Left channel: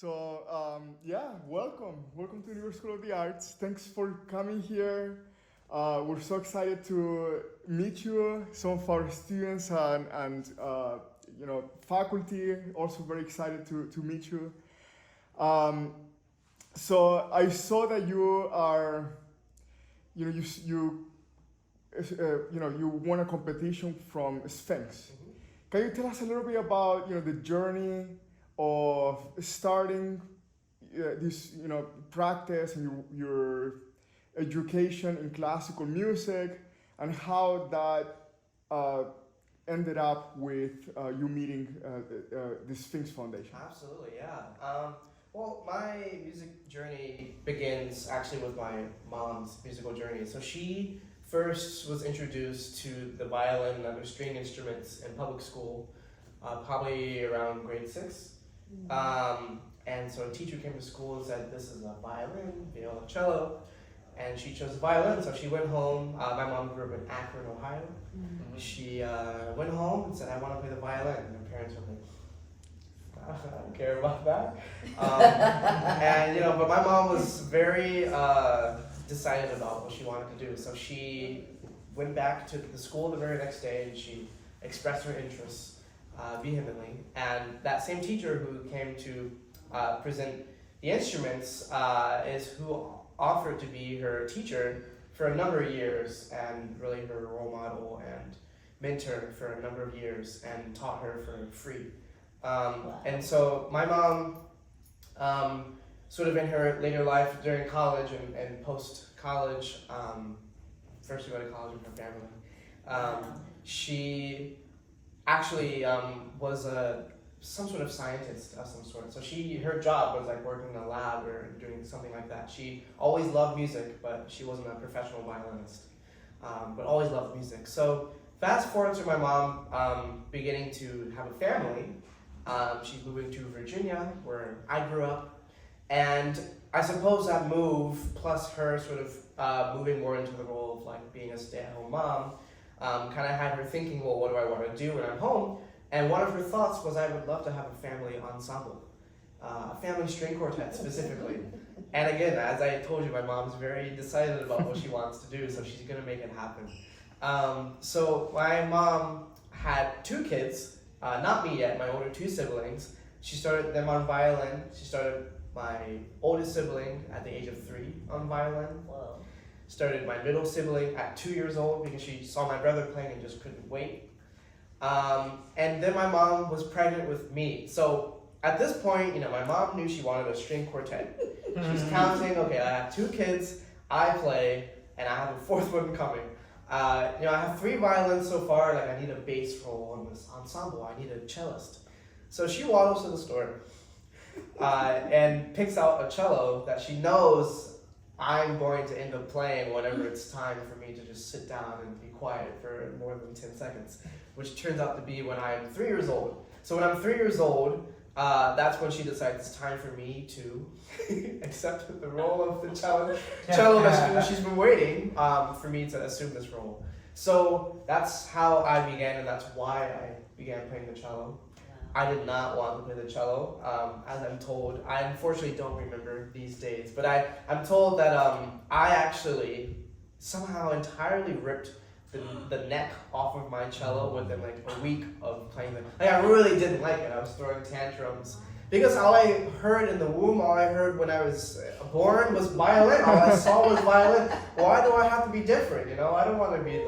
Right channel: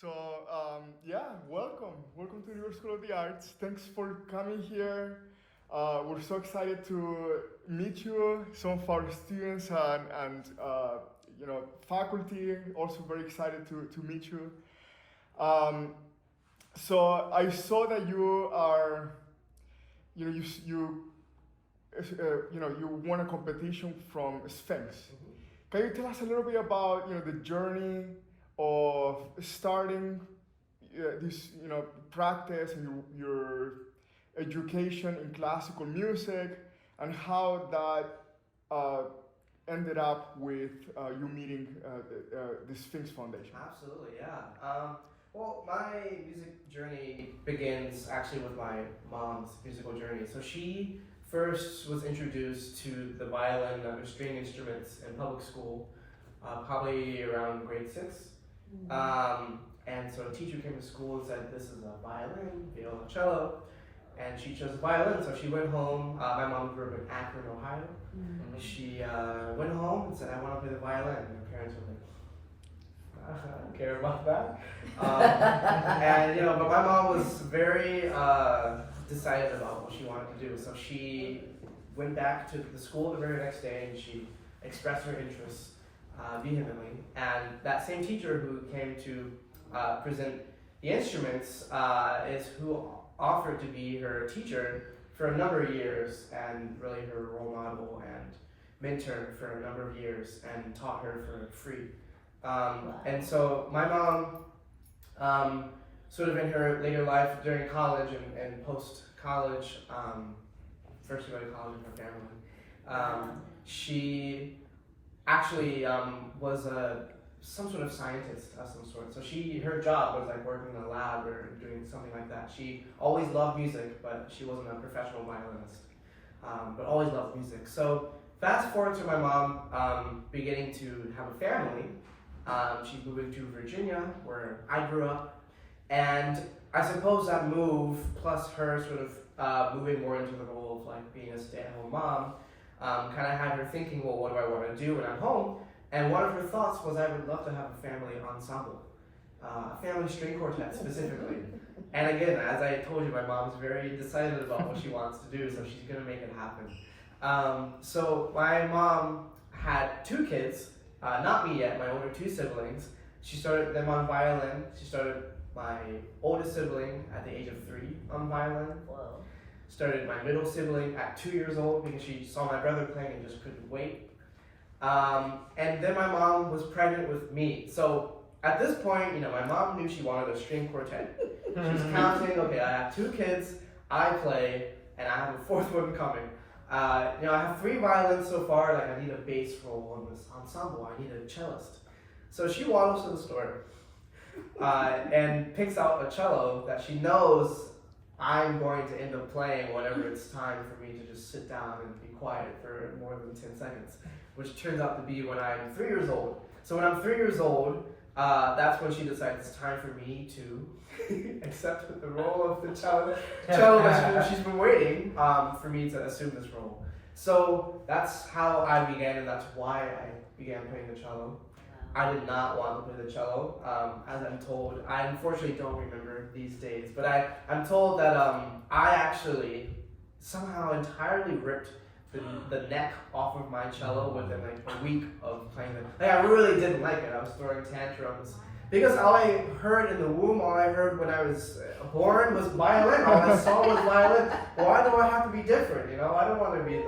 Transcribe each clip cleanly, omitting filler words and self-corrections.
So, welcome to New York School of the Arts. Thanks for coming here. We're so excited to meet you, some of our students and faculty. Also very excited to meet you. Um, so I saw that you are, you won a competition from Sphinx. Can you tell us a little bit about the journey of starting this practice and your education in classical music, and how that ended up with you meeting the Sphinx Foundation? Absolutely, yeah. Well, my music journey begins actually with my mom's musical journey. So she first was introduced to the violin and other string instruments in public school, probably around grade 6. And so a teacher came to school and said, this is a violin, viola, cello, and she chose a violin. So she went home. My mom grew up in Akron, Ohio. She went home and said, I want to play the violin. And my parents were like, I don't care about that. But my mom was very decided about what she wanted to do. So she went back to the school the very next day and she expressed her interest vehemently. And that same teacher who came to present the instruments is who offered to be her teacher for a number of years, and really her role model and mentor for a number of years, and taught her for free. And so my mom, sort of in her later life during college and post-college, first she went to college with her family, she actually was some sort of scientist of some sort. So her job was like working in a lab or doing something like that. She always loved music, but she wasn't a professional violinist, but always loved music. So fast forward to my mom beginning to have a family. She's moving to Virginia, where I grew up, and I suppose that move, plus her sort of moving more into the role of like being a stay-at-home mom, kind of had her thinking, well, what do I want to do when I'm home? And one of her thoughts was, I would love to have a family ensemble, a family string quartet specifically. And again, as I told you, my mom's very decided about what she wants to do, so she's going to make it happen. So my mom had 2 kids, not me yet, my older 2 siblings. She started them on violin. She started my oldest sibling at the age of 3 on violin. Whoa. Started my middle sibling at 2 years old because she saw my brother playing and just couldn't wait. And then my mom was pregnant with me. So at this point, my mom knew she wanted a string quartet. She was counting, okay, I have 2 kids, I play, and I have a 4th one coming. I have 3 violins so far, like I need a bass role in this ensemble, I need a cellist. So she waddles to the store and picks out a cello that she knows I'm going to end up playing whenever it's time for me to just sit down and be quiet for more than 10 seconds, which turns out to be when I'm 3 years old. So when I'm 3 years old, that's when she decides it's time for me to accept the role of the cello that she's been waiting for me to assume this role. So that's how I began, and that's why I began playing the cello. I did not want to play the cello, as I'm told. I unfortunately don't remember these days, but I'm told that I actually somehow entirely ripped the neck off of my cello within like a week of playing it. Like I really didn't like it. I was throwing tantrums because all I heard in the womb, all I heard when I was born was violin. All I saw was violin. Why do I have to be different? I don't want to be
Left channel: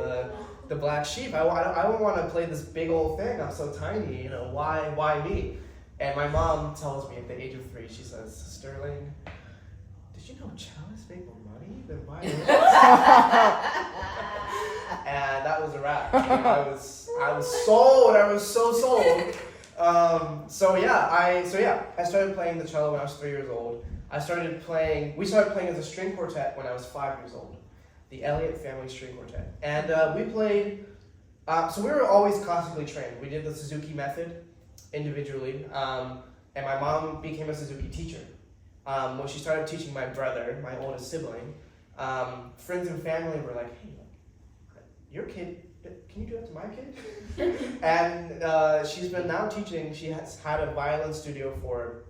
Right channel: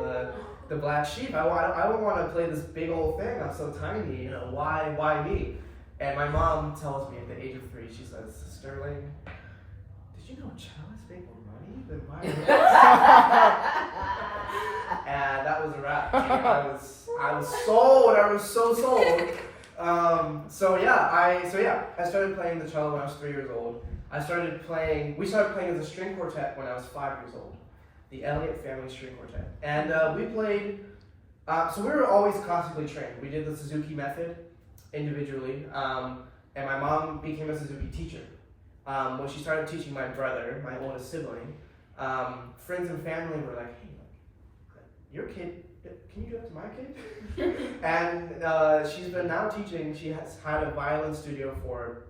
the black sheep. I don't want to play this big old thing. I'm so tiny. Why me? And my mom tells me at the age of 3, she says, Sterling, did you know cellists make more money than violinists? And that was a wrap. I was sold. I was so sold. I started playing the cello when I was 3 years old. We started playing as a string quartet when I was 5 years old. The Elliot family string quartet. And we played, so we were always classically trained. We did the Suzuki method individually. And my mom became a Suzuki teacher. When she started teaching my brother, my oldest sibling, friends and family were like, hey, your kid, can you do that to my kid? And she's been now teaching. She has had a violin studio for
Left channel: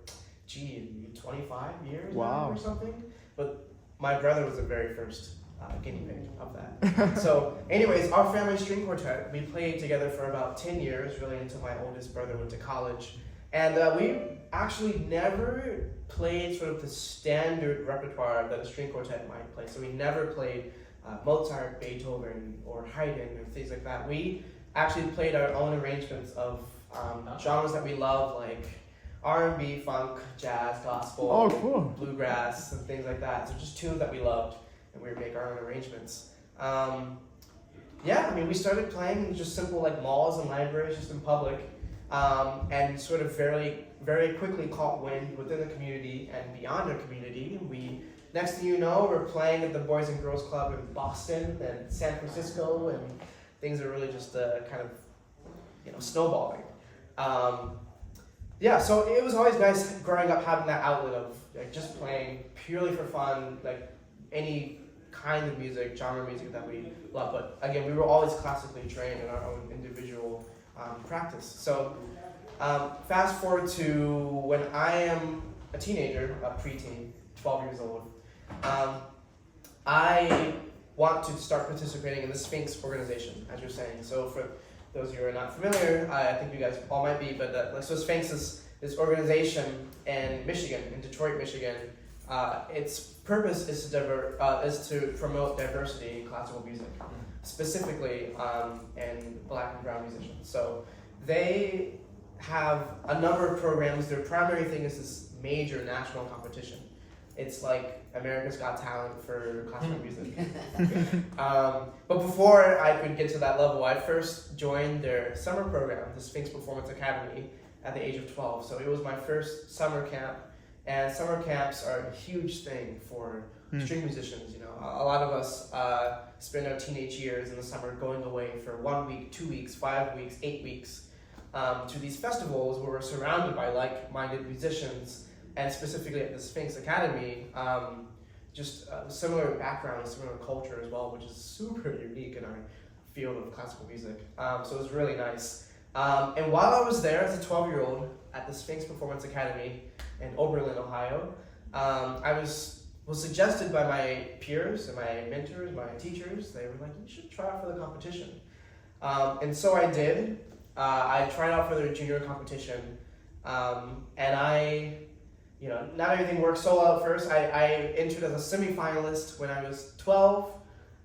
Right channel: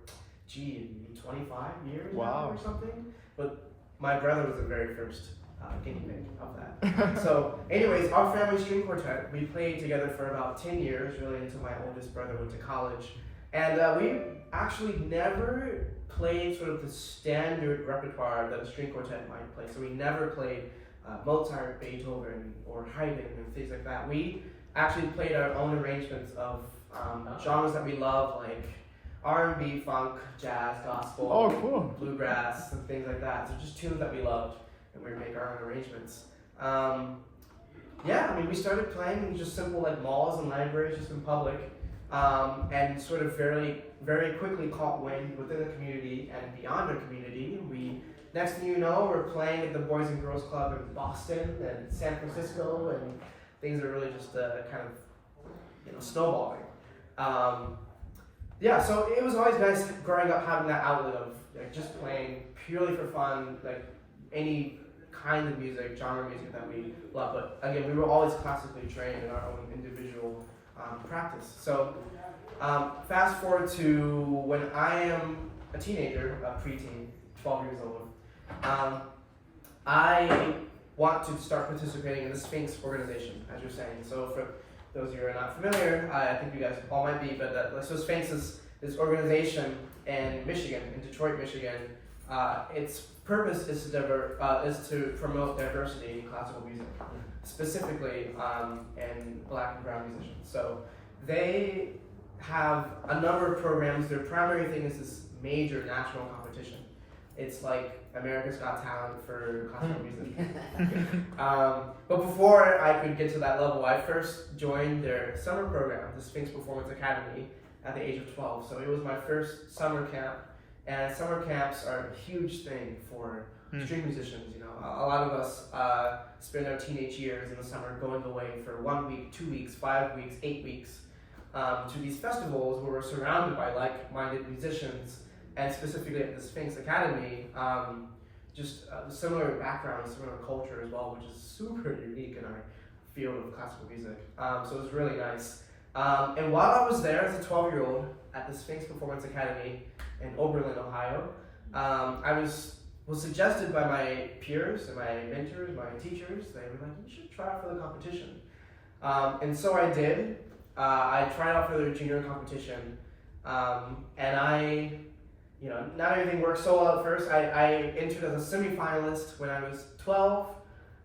maybe 25 years Wow. now or something. But my brother was the very first guinea pig of that. So, anyways, our family string quartet, we played together for about 10 years, really until my oldest brother went to college. And we actually never played sort of the standard repertoire that a string quartet might play. So we never played Mozart, Beethoven, or Haydn, and things like that. We actually played our own arrangements of genres that we love, like R&B, funk, jazz, gospel, Oh, cool. bluegrass, and things like that. So just tunes that we loved, and we would make our own arrangements. Yeah, I mean, we started playing in just simple like malls and libraries, just in public, and sort of very, very quickly caught wind within the community and beyond our community. We, next thing you know, we're playing at the Boys and Girls Club in Boston and San Francisco, and things are really just kind of, snowballing. Yeah, so it was always nice growing up having that outlet of like just playing purely for fun, like any kind of music, genre music that we love. But again, we were always classically trained in our own individual practice. So fast forward to when I am a teenager, a preteen, 12 years old, I want to start participating in the Sphinx organization, as you're saying. So for those of you who are not familiar, I think you guys all might be, but so Sphinx is this organization in Michigan, in Detroit, Michigan. Its purpose is to promote diversity in classical music, specifically in Black and brown musicians. So they have a number of programs. Their primary thing is this major national competition. It's like America's Got Talent for classical music. But before I could get to that level, I first joined their summer program, the Sphinx Performance Academy, at the age of 12. So it was my first summer camp, and summer camps are a huge thing for string musicians. A lot of us spend our teenage years in the summer going away for 1 week, 2 weeks, 5 weeks, 8 weeks to these festivals where we're surrounded by like-minded musicians. And specifically at the Sphinx Academy, just similar background, similar culture as well, which is super unique in our field of classical music. So it was really nice. And while I was there as a 12-year-old at the Sphinx Performance Academy in Oberlin, Ohio, I was suggested by my peers and my mentors, my teachers. They were like, you should try out for the competition. And so I did. I tried out for their junior competition, and I... not everything worked so well at first. I entered as a semi-finalist when I was 12.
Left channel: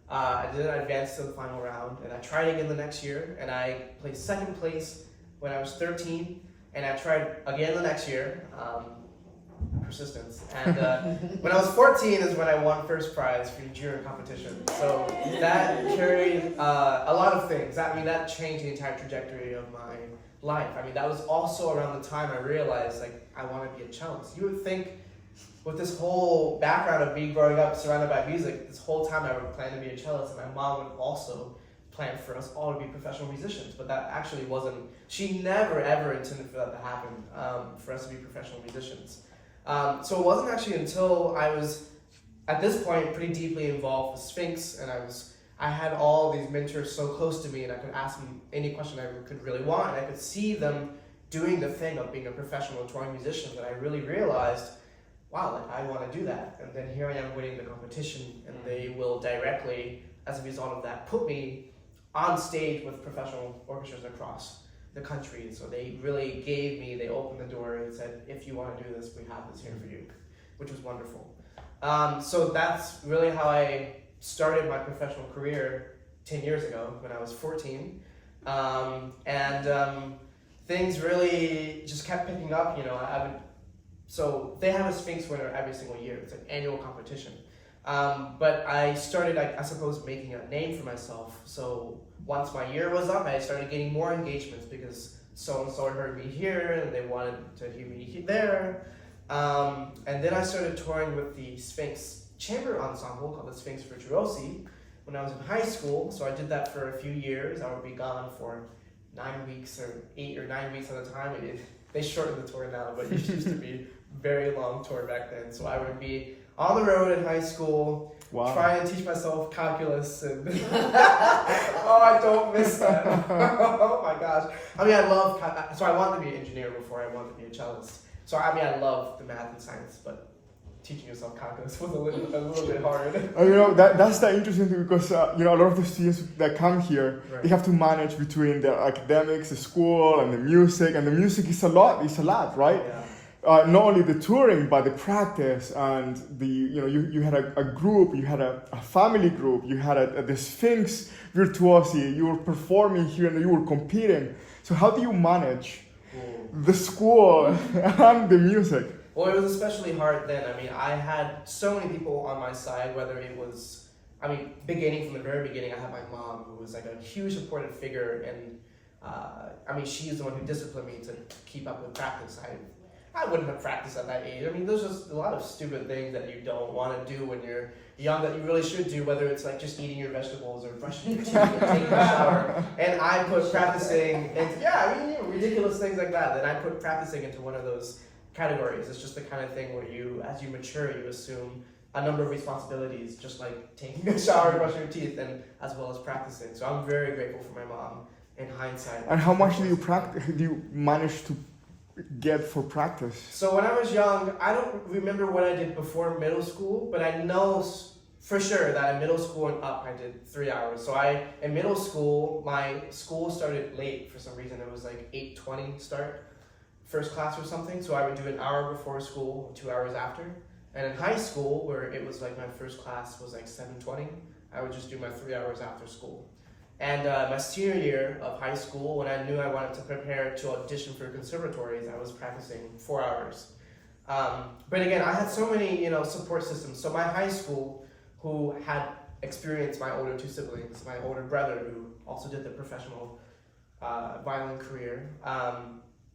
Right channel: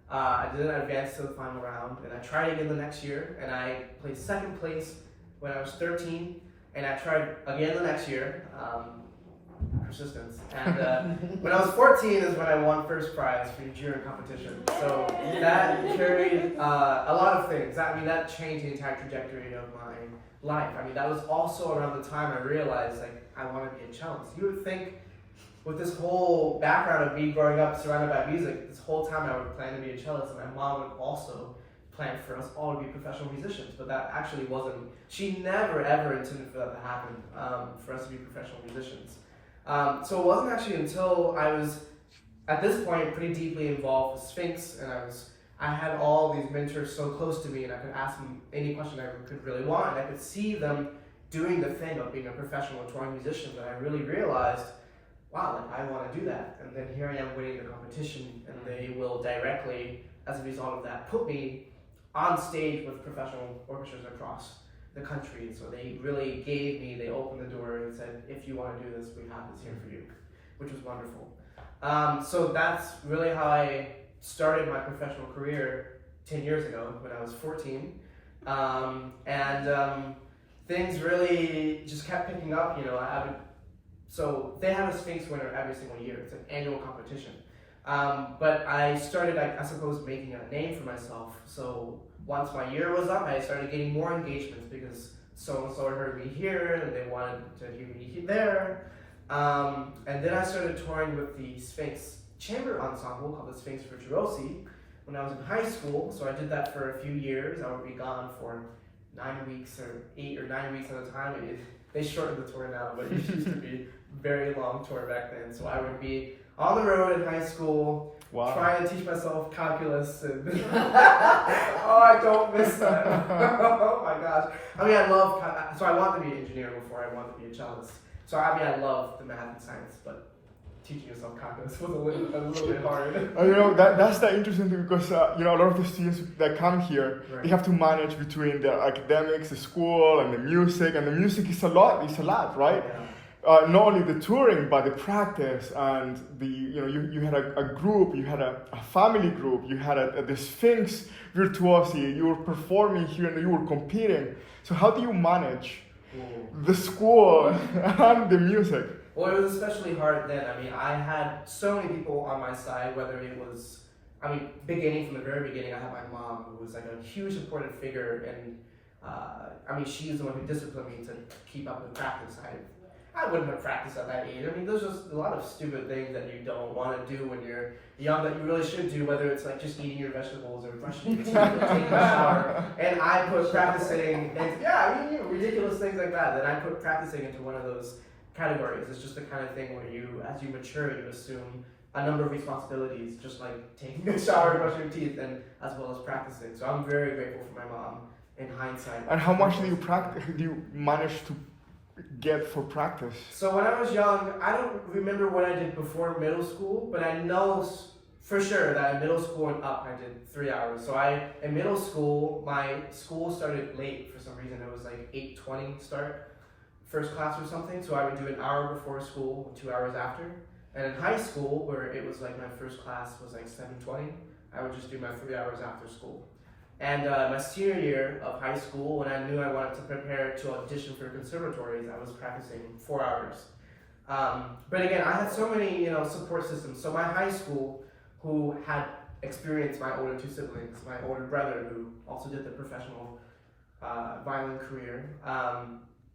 I didn't advance to the final round, and I tried again the next year, and I placed second place when I was 13, and I tried again the next year, persistence. And when I was 14 is when I won first prize for junior competition. So that carried a lot of things. That changed the entire trajectory of my life. That was also around the time I realized I want to be a cellist. You would think with this whole background of me growing up surrounded by music, this whole time I would plan to be a cellist, and my mom would also plan for us all to be professional musicians, but that actually wasn't, she never ever intended for that to happen, for us to be professional musicians. So it wasn't actually until I was, at this point, pretty deeply involved with Sphinx, and I had all these mentors so close to me, and I could ask them any question I could really want, and I could see them doing the thing of being a professional touring musician, that I really realized, wow, I want to do that. And then here I am winning the competition, and they will directly, as a result of that, put me on stage with professional orchestras across the country. So they really they opened the door and said, if you want to do this, we have this here for you, which was wonderful. So that's really how I started my professional career 10 years ago when I was 14. Things really just kept picking up. So they have a Sphinx winner every single year. It's an annual competition. But I started, I suppose, making a name for myself. So once my year was up, I started getting more engagements because so-and-so had heard me here and they wanted to hear me there. And then I started touring with the Sphinx chamber ensemble called the Sphinx Virtuosi when I was in high school. So I did that for a few years. I would be gone for 9 weeks or 8 or 9 weeks at a time. They shortened the tour now, but it used to be a very long tour back then. So I would be on the road in high school, trying to teach myself calculus, and oh, I don't miss that. Oh my gosh. I love, so I wanted to be an engineer before I wanted to be a cellist. So I mean, I love the math and science, but teaching yourself calculus was a little bit hard. That's the interesting thing because a lot of the students that come here, Right. they have to manage between the academics, the school, and the music. And the music is a lot. It's a lot, right? Yeah. Not only the touring, but the practice and the you had a group, you had a family group, you had the Sphinx virtuosity. You were performing here and you were competing. So how do you manage the school and the music? Well, it was especially hard then. I mean, I had so many people on my side, whether it was, beginning from the very beginning, I had my mom, who was like a huge supportive figure, and she's the one who disciplined me to keep up with practice. I wouldn't have practiced at that age. I mean, there's just a lot of stupid things that you don't want to do when you're young that you really should do, whether it's like just eating your vegetables or brushing your teeth or taking a shower. And I put practicing, ridiculous things like that, I put practicing into one of those categories. It's just the kind of thing where as you mature, you assume a number of responsibilities, just like taking a shower, brushing your teeth, and as well as practicing. So I'm very grateful for my mom in hindsight. And how much do you manage to get for practice? So when I was young, I don't remember what I did before middle school, but I know for sure that in middle school and up, I did 3 hours. So in middle school, my school started late for some reason. It was like 8:20 start, first class or something. So I would do an hour before school, 2 hours after. And in high school, where it was like my first class was like 7:20, I would just do my 3 hours after school. And my senior year of high school, when I knew I wanted to prepare to audition for conservatories, I was practicing 4 hours. But again, I had so many, support systems. So my high school, who had experienced my older two siblings, my older brother, who also did the professional violin career,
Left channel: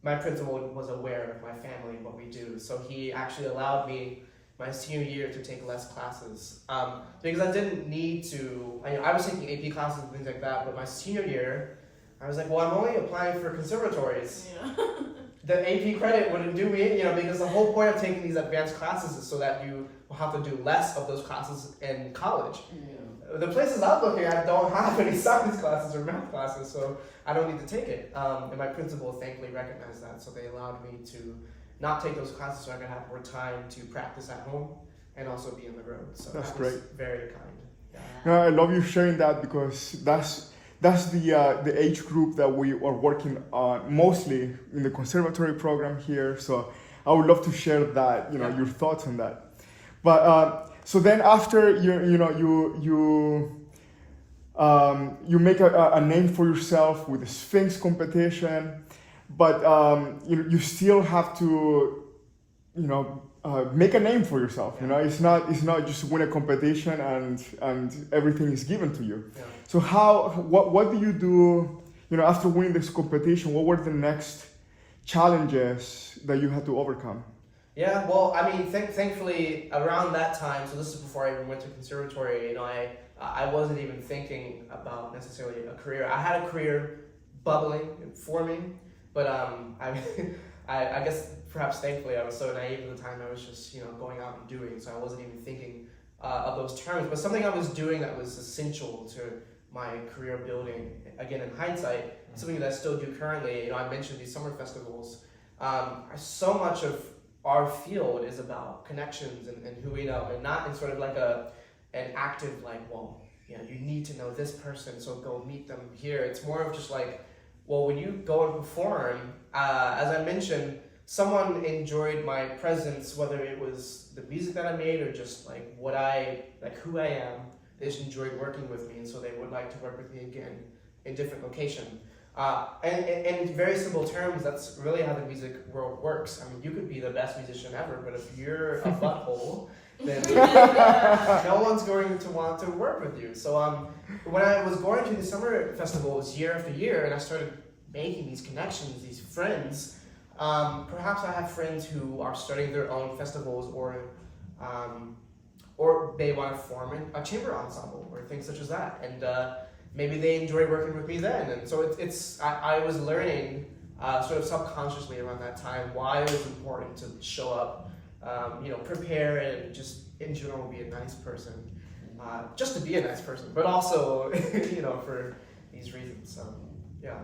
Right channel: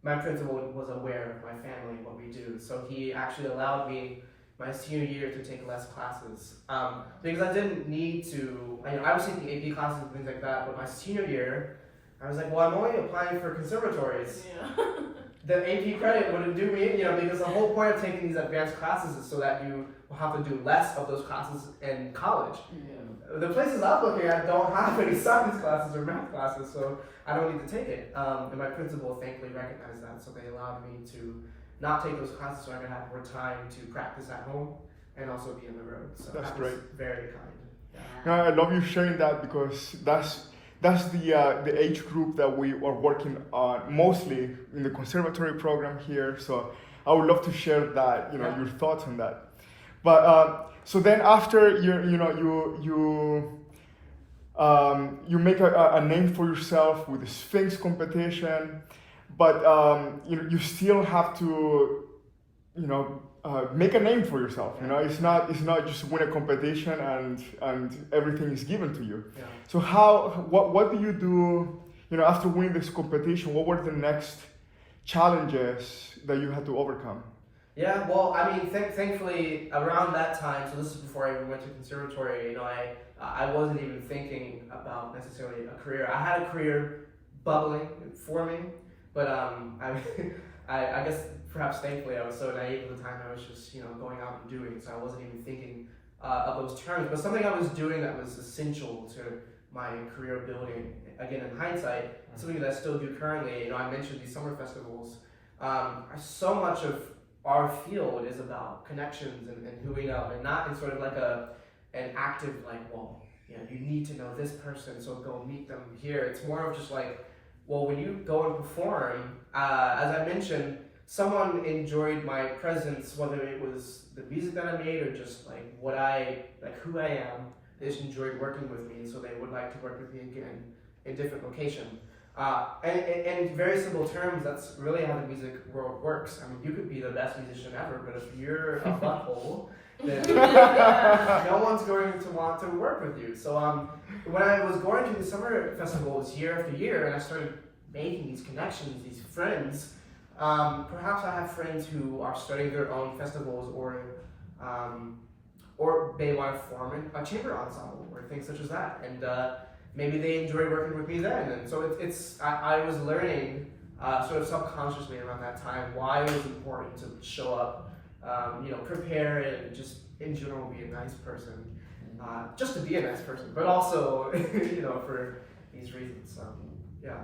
my principal was aware of my family and what we do. So he actually allowed me my senior year to take less classes because I didn't need to. I was taking AP classes and things like that, but my senior year, I was like, well, I'm only applying for conservatories. Yeah. The AP credit wouldn't do me, because the whole point of taking these advanced classes is so that you will have to do less of those classes in college. Yeah. The places I'm looking at don't have any science classes or math classes, so I don't need to take it. And my principal thankfully recognized that, so they allowed me to not take those classes so I could have more time to practice at home and also be on the road. So That's that was great. very kind. I love you sharing that because that's the age group that we are working on mostly in the conservatory program here. So I would love to share that, your thoughts on that. But so then after you make a name for yourself with the Sphinx competition, but you still have to make a name for yourself. It's not just win a competition and everything is given to you. Yeah. So what do you do after winning this competition? What were the next challenges that you had to overcome? Yeah, well, thankfully around that time, so this is before I even went to conservatory, I wasn't even thinking about necessarily a career. I had a career bubbling and forming, but I guess perhaps thankfully I was so naive at the time. I was just going out and doing, so I wasn't even thinking of those terms. But something I was doing that was essential to my career building. Again, in hindsight, something that I still do currently. I mentioned these summer festivals. So much of our field is about connections and who we know, and not in sort of like an active you need to know this person, so go meet them here. It's more of just like, well, when you go and perform, as I mentioned, someone enjoyed my presence, whether it was the music that I made or just who I am. They just enjoyed working with me, and so they would like to work with me again in different location. And in very simple terms, that's really how the music world works. You could be the best musician ever, but if you're a butthole, then no one's going to want to work with you. So when I was going to the summer festivals year after year, and I started making these connections, these friends, perhaps I have friends who are starting their own festivals or they want to form a chamber ensemble or things such as that. And maybe they enjoy working with me then. And so I was learning sort of subconsciously around that time why it was important to show up, prepare, and just in general be a nice person. Just to be a nice person, but also, for these reasons. Yeah.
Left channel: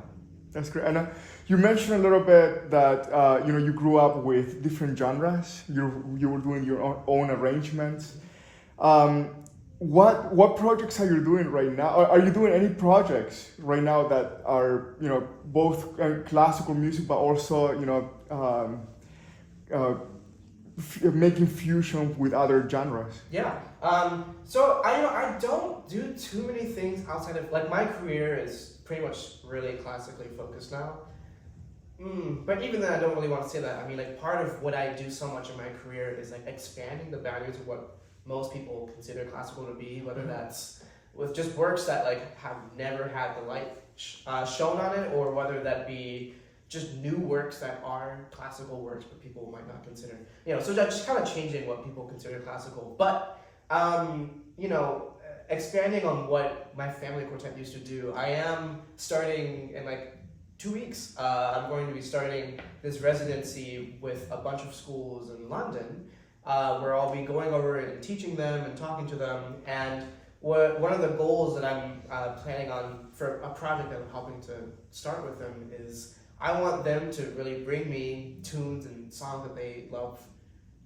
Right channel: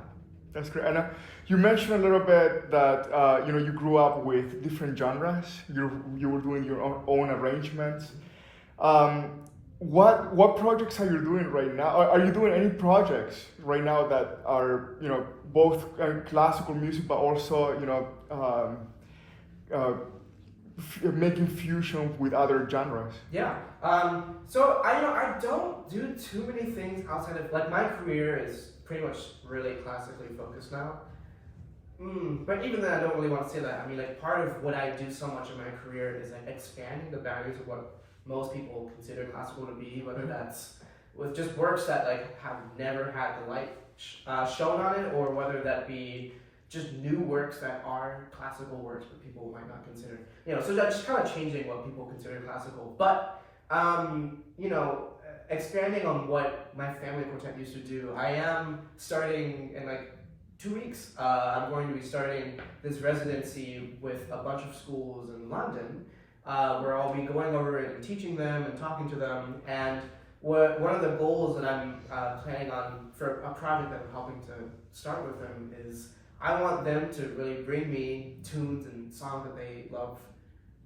That's great. And you mentioned a little bit that you grew up with different genres. You were doing your own arrangements. What projects are you doing right now? Are you doing any projects right now that are both classical music, but also making fusion with other genres? Yeah. So I don't do too many things outside of, like, my career is pretty much really classically focused now. But even then, I don't really want to say that. I mean, like, part of what I do so much in my career is like expanding the boundaries of what most people consider classical to be, whether that's with just works that like have never had the light shown on it, or whether that be just new works that are classical works but people might not consider. So that's just kind of changing what people consider classical. But expanding on what my family quartet used to do, I am starting in like 2 weeks. I'm going to be starting this residency with a bunch of schools in London, where I'll be going over and teaching them and talking to them. And one of the goals that I'm planning on for a project that I'm helping to start with them is I want them to really bring me tunes and songs that they love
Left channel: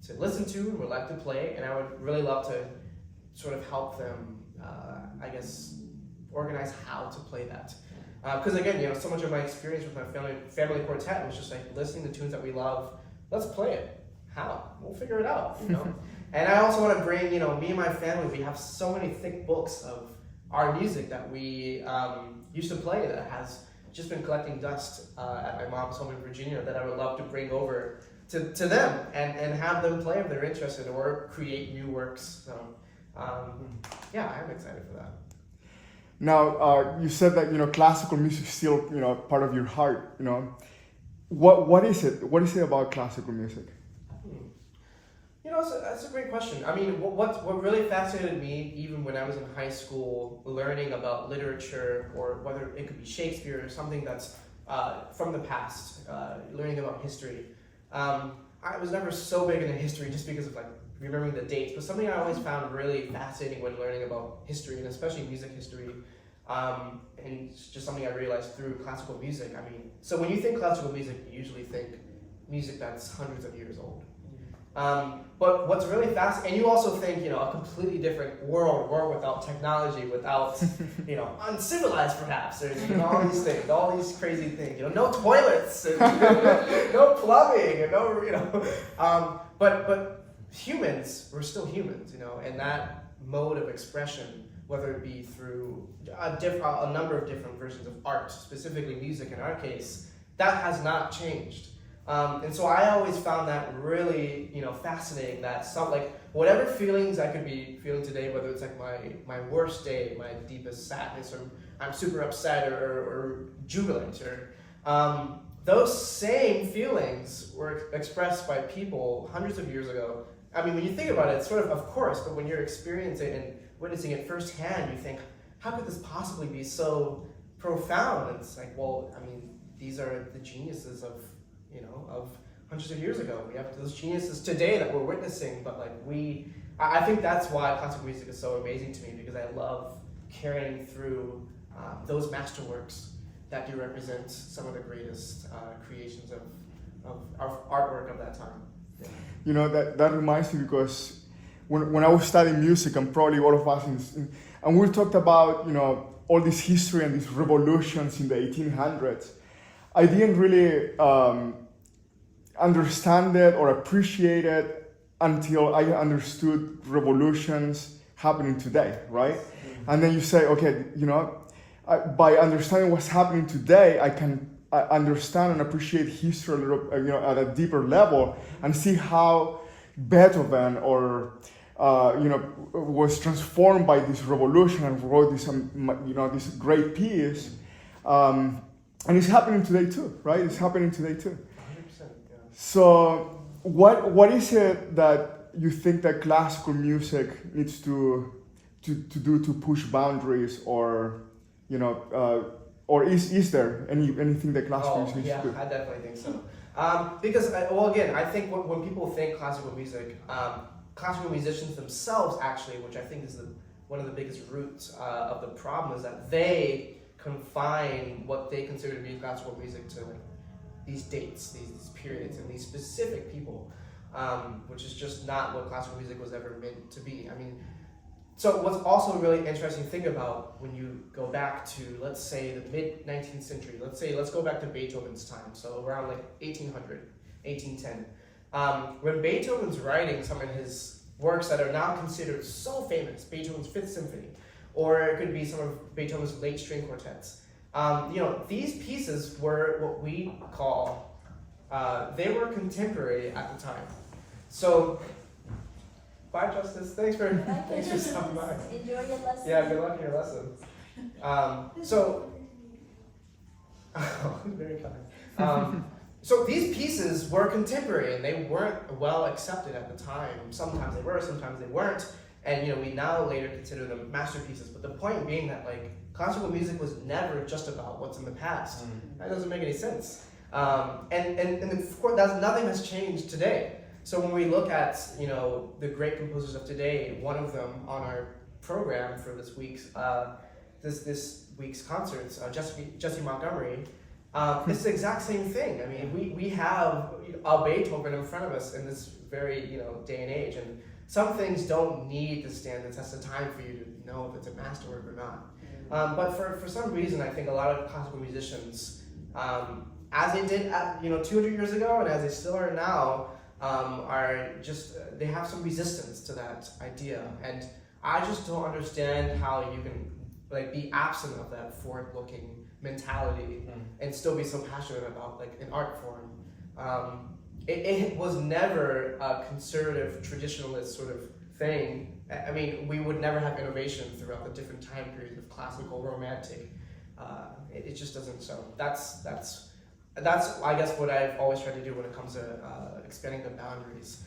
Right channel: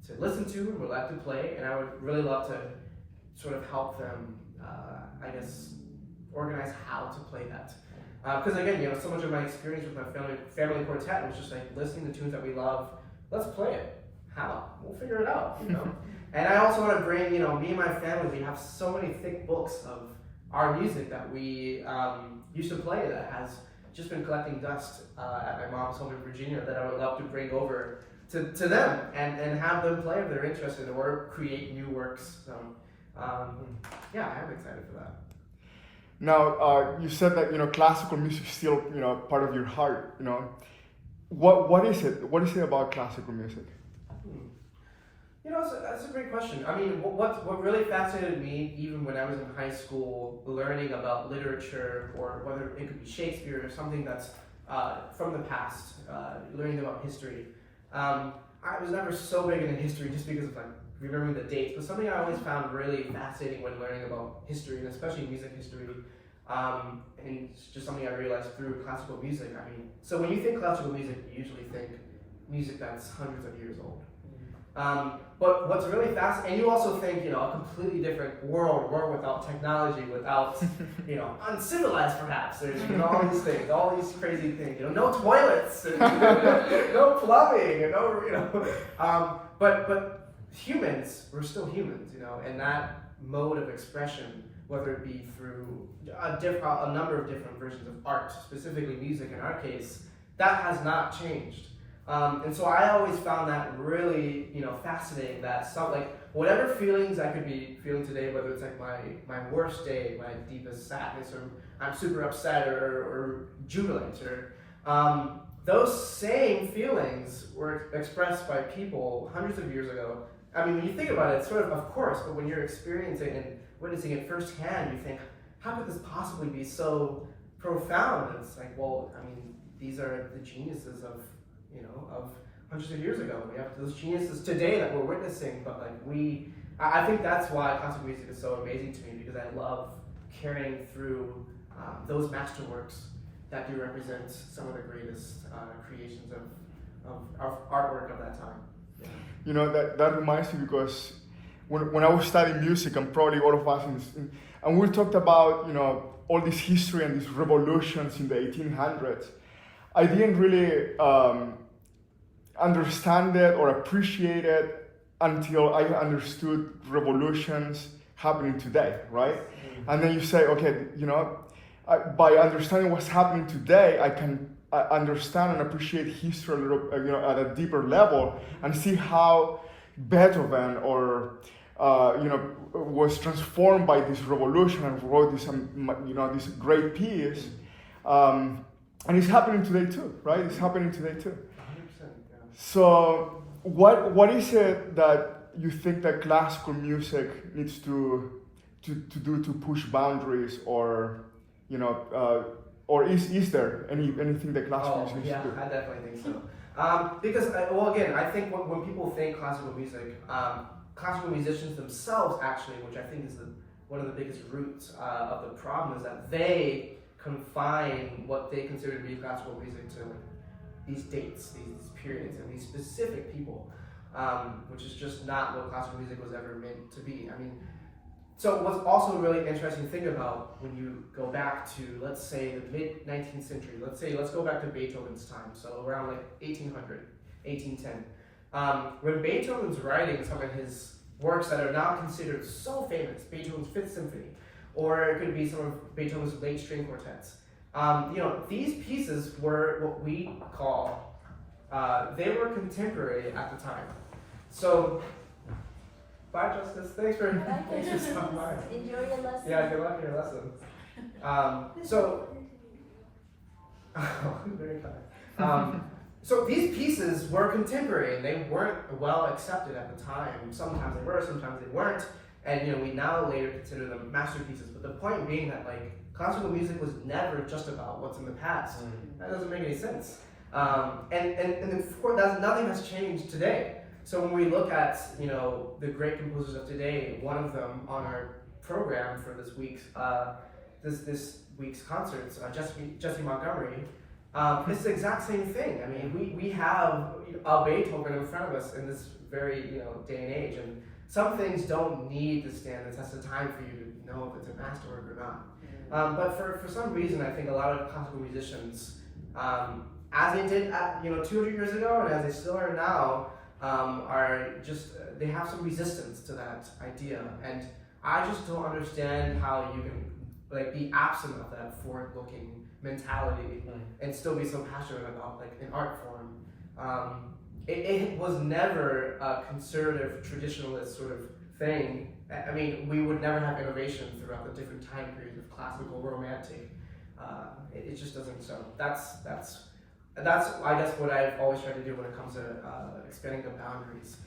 to listen to and would like to play, and I would really love to sort of help them, organize how to play that. Because again, so much of my experience with my family quartet was just like listening to tunes that we love. Let's play it. How? We'll figure it out. And I also want to bring, me and my family. We have so many thick books of our music that we used to play that has just been collecting dust at my mom's home in Virginia, that I would love to bring over to them and have them play if they're interested, or create new works. So yeah, I'm excited for that. Now, you said that classical music is still part of your heart. What is it? What is it about classical music? That's a great question. I mean, what really fascinated me, even when I was in high school, learning about literature, or whether it could be Shakespeare or something that's from the past, learning about history. I was never so big into history just because of like remembering the dates, but something I always found really fascinating when learning about history, and especially music history, and it's just something I realized through classical music. I mean, so when you think classical music, you usually think music that's hundreds of years old. But what's really fast, and you also think, a completely different world without technology, without, uncivilized perhaps. There's, all these things, all these crazy things, no toilets, and, no plumbing, and no, but humans, we're still humans, and that mode of expression, whether it be through a number of different versions of art, specifically music in our case, that has not changed. And so I always found that really, fascinating, that whatever feelings I could be feeling today, whether it's like my worst day, my deepest sadness, or I'm super upset or jubilant, or those same feelings were expressed by people hundreds of years ago. I mean, when you think about it, it's sort of course, but when you're experiencing it and witnessing it firsthand, you think, how could this possibly be so profound? And it's like, well, I mean, these are the geniuses of hundreds of years ago. We have those geniuses today that we're witnessing, but I think that's why classical music is so amazing to me, because I love carrying through those masterworks that do represent some of the greatest creations of artwork of that time. Yeah. That reminds me, because when I was studying music, and probably all of us, and we talked about all this history and these revolutions in the 1800s, I didn't really understand it or appreciate it until I understood revolutions happening today, right? Mm-hmm. And then you say, okay, by understanding what's happening today, I can understand and appreciate history a little, at a deeper level, and see how Beethoven was transformed by this revolution and wrote this great piece. And it's happening today too, right? It's happening today too. 100%, yeah. So what is it that you think that classical music needs to do to push boundaries, or or is there anything that classical music needs to do? I definitely think so. Because I think when people think classical music, classical musicians themselves, actually, which I think is one of the biggest roots of the problem, is that they confine what they consider to be classical music to these dates, these periods, and these specific people, which is just not what classical music was ever meant to be. I mean, so what's also a really interesting thing about when you go back to, let's say, the mid-19th century, let's go back to Beethoven's time, so around like 1800, 1810. When Beethoven's writing some of his works that are now considered so famous, Beethoven's Fifth Symphony, or it could be some of Beethoven's late string quartets, these pieces were what we call, they were contemporary at the time. So, bye Justice, thanks for stopping by. Enjoy your lesson. Yeah, good luck in your lesson. Very kind. So these pieces were contemporary and they weren't well accepted at the time. Sometimes they were, sometimes they weren't. And we now later consider them masterpieces. But the point being that classical music was never just about what's in the past. That doesn't make any sense. And of course, nothing has changed today. So when we look at the great composers of today, one of them on our program for this week's concerts, Jesse Montgomery. It's the exact same thing. I mean, we have a Beethoven in front of us in this very day and age, and some things don't need to stand the test of time for you to know if it's a masterwork or not. But for some reason, I think a lot of classical musicians, as they did 200 years ago, and as they still are now, are just they have some resistance to that idea, and I just don't understand how you can be absent of that forward-looking mentality and still be so passionate about an art form. It was never a conservative, traditionalist sort of thing. I mean, we would never have innovation throughout the different time periods of classical, romantic. It just doesn't. So that's I guess what I've always tried to do when it comes to expanding the boundaries.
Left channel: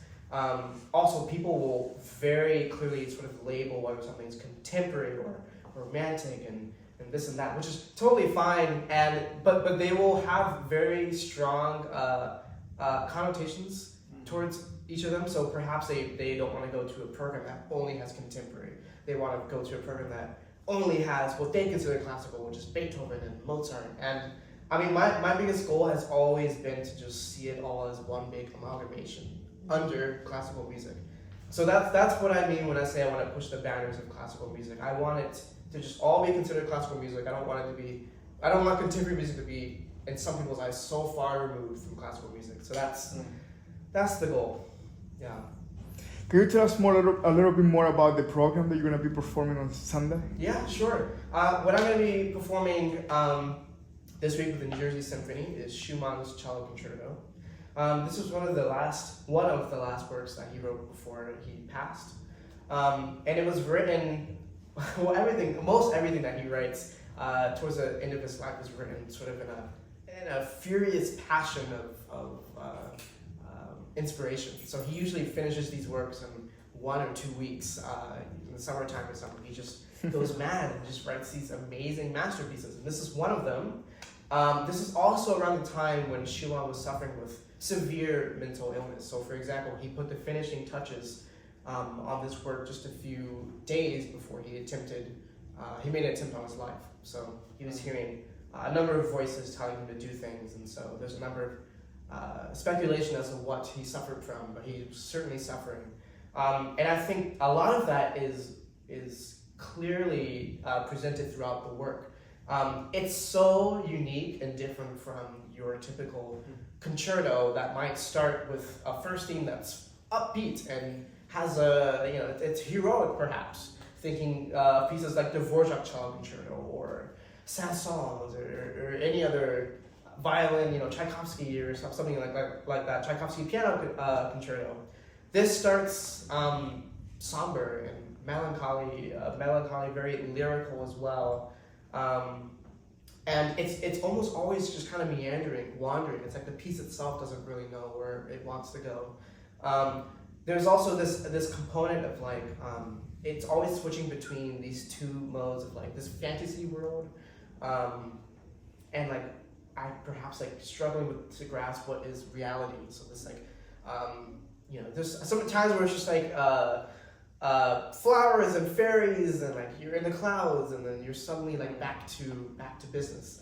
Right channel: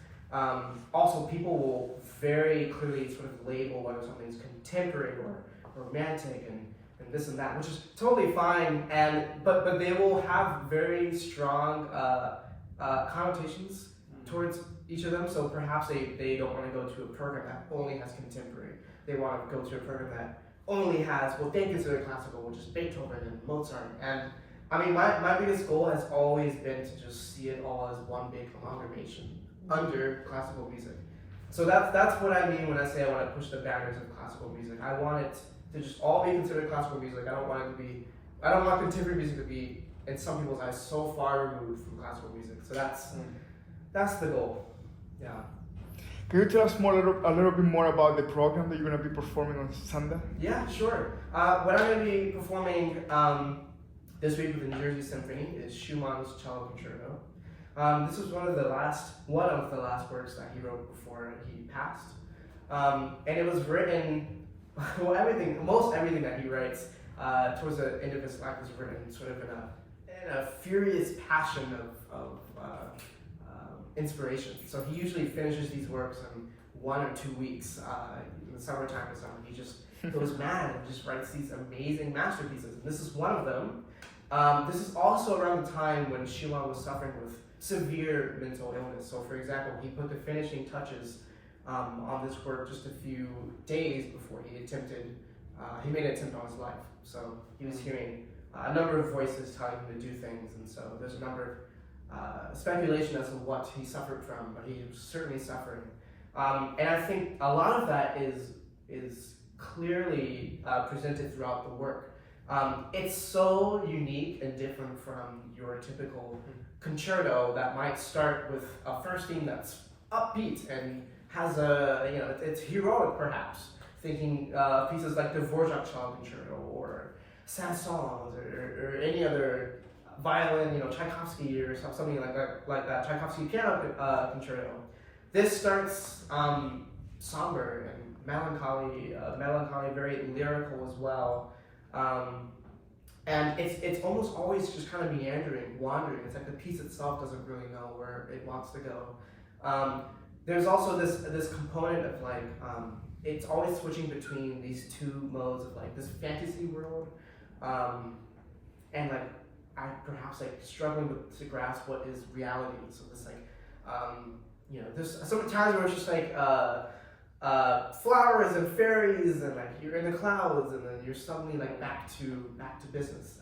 Also, people will very clearly sort of label whether something's contemporary or romantic and this and that, which is totally fine. But they will have very strong connotations towards each of them. So perhaps they don't want to go to a program that only has contemporary. They want to go to a program that only has what they consider classical, which is Beethoven and Mozart. And I mean, my biggest goal has always been to just see it all as one big amalgamation under classical music. So that's what I mean when I say I want to push the boundaries of classical music. I want it to just all be considered classical music. I don't want contemporary music to be, in some people's eyes, so far removed from classical music. So that's the goal. Yeah. Can you tell us a little bit more about the program that you're going to be performing on Sunday? Yeah, sure. What I'm going to be performing this week with the New Jersey Symphony is Schumann's Cello Concerto. This was one of the last works that he wrote before he passed, and it was written. Well, most everything that he writes towards the end of his life was written sort of in a furious passion of inspiration. So he usually finishes these works in 1 or 2 weeks. In the summertime or something, he just goes mad and just writes these amazing masterpieces. And this is one of them. This is also around the time when Schumann was suffering with severe mental illness. So, for example, he put the finishing touches on this work just a few days before he made an attempt on his life. So he was hearing a number of voices telling him to do things, and so there's a number of speculation as to what he suffered from, but he was certainly suffering. And I think a lot of that is clearly presented throughout the work. It's so unique and different from your typical concerto that might start with a first theme that's upbeat and has it's heroic perhaps, thinking pieces like the Dvorak Cello Concerto or Saint-Saëns or any other violin, Tchaikovsky or something like that, Tchaikovsky Piano Concerto. This starts somber and melancholy, very lyrical as well. And it's almost always just kind of meandering, wandering. It's like the piece itself doesn't really know where it wants to go. There's also this component of it's always switching between these two modes of this fantasy world, and I perhaps struggling to grasp what is reality. So this there's some times where it's just flush flowers and fairies and like you're in the clouds and then you're suddenly like back to business.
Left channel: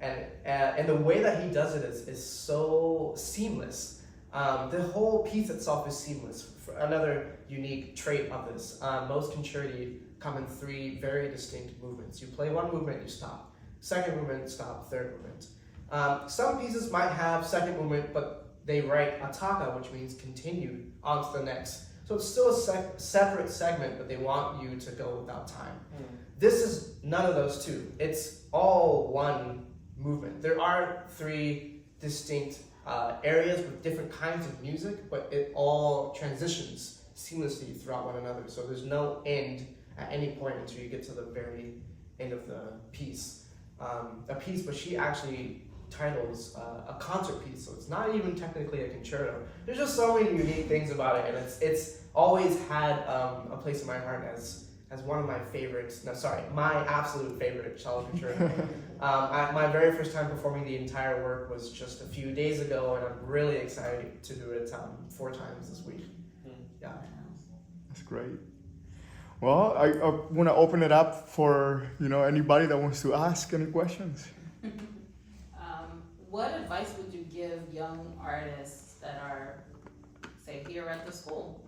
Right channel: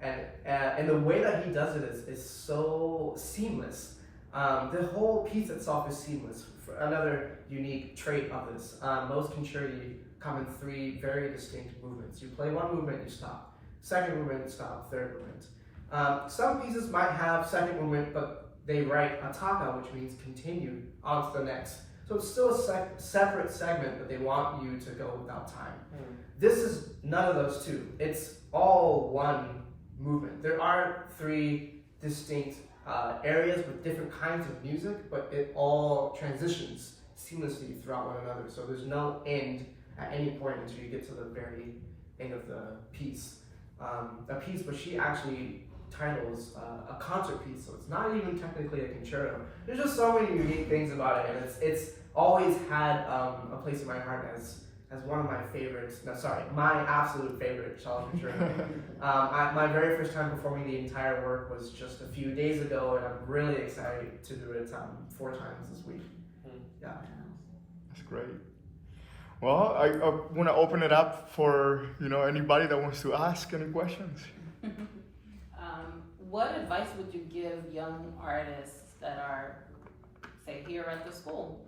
And the way that he does it is so seamless. The whole piece itself is seamless. Another unique trait of this. Most concerti come in 3 very distinct movements. You play one movement, you stop. Second movement, stop. Third movement. Some pieces might have second movement, but they write attacca, which means continue on to the next. So it's still a separate segment, but they want you to go without time. This is none of those two. It's all one movement. There are 3 distinct areas with different kinds of music, but it all transitions seamlessly throughout one another. So there's no end at any point until you get to the very end of the piece. A piece which she actually titles a concert piece, so it's not even technically a concerto. There's just so many unique things about it, and it's always had a place in my heart as one of my favorites. No, sorry, my absolute favorite cello concerto. My very first time performing the entire work was just a few days ago, and I'm really excited to do it 4 times this week. Yeah, that's great. Well, I want to open it up for anybody that wants to ask any questions. What advice would you give young artists that are, say, here at the school,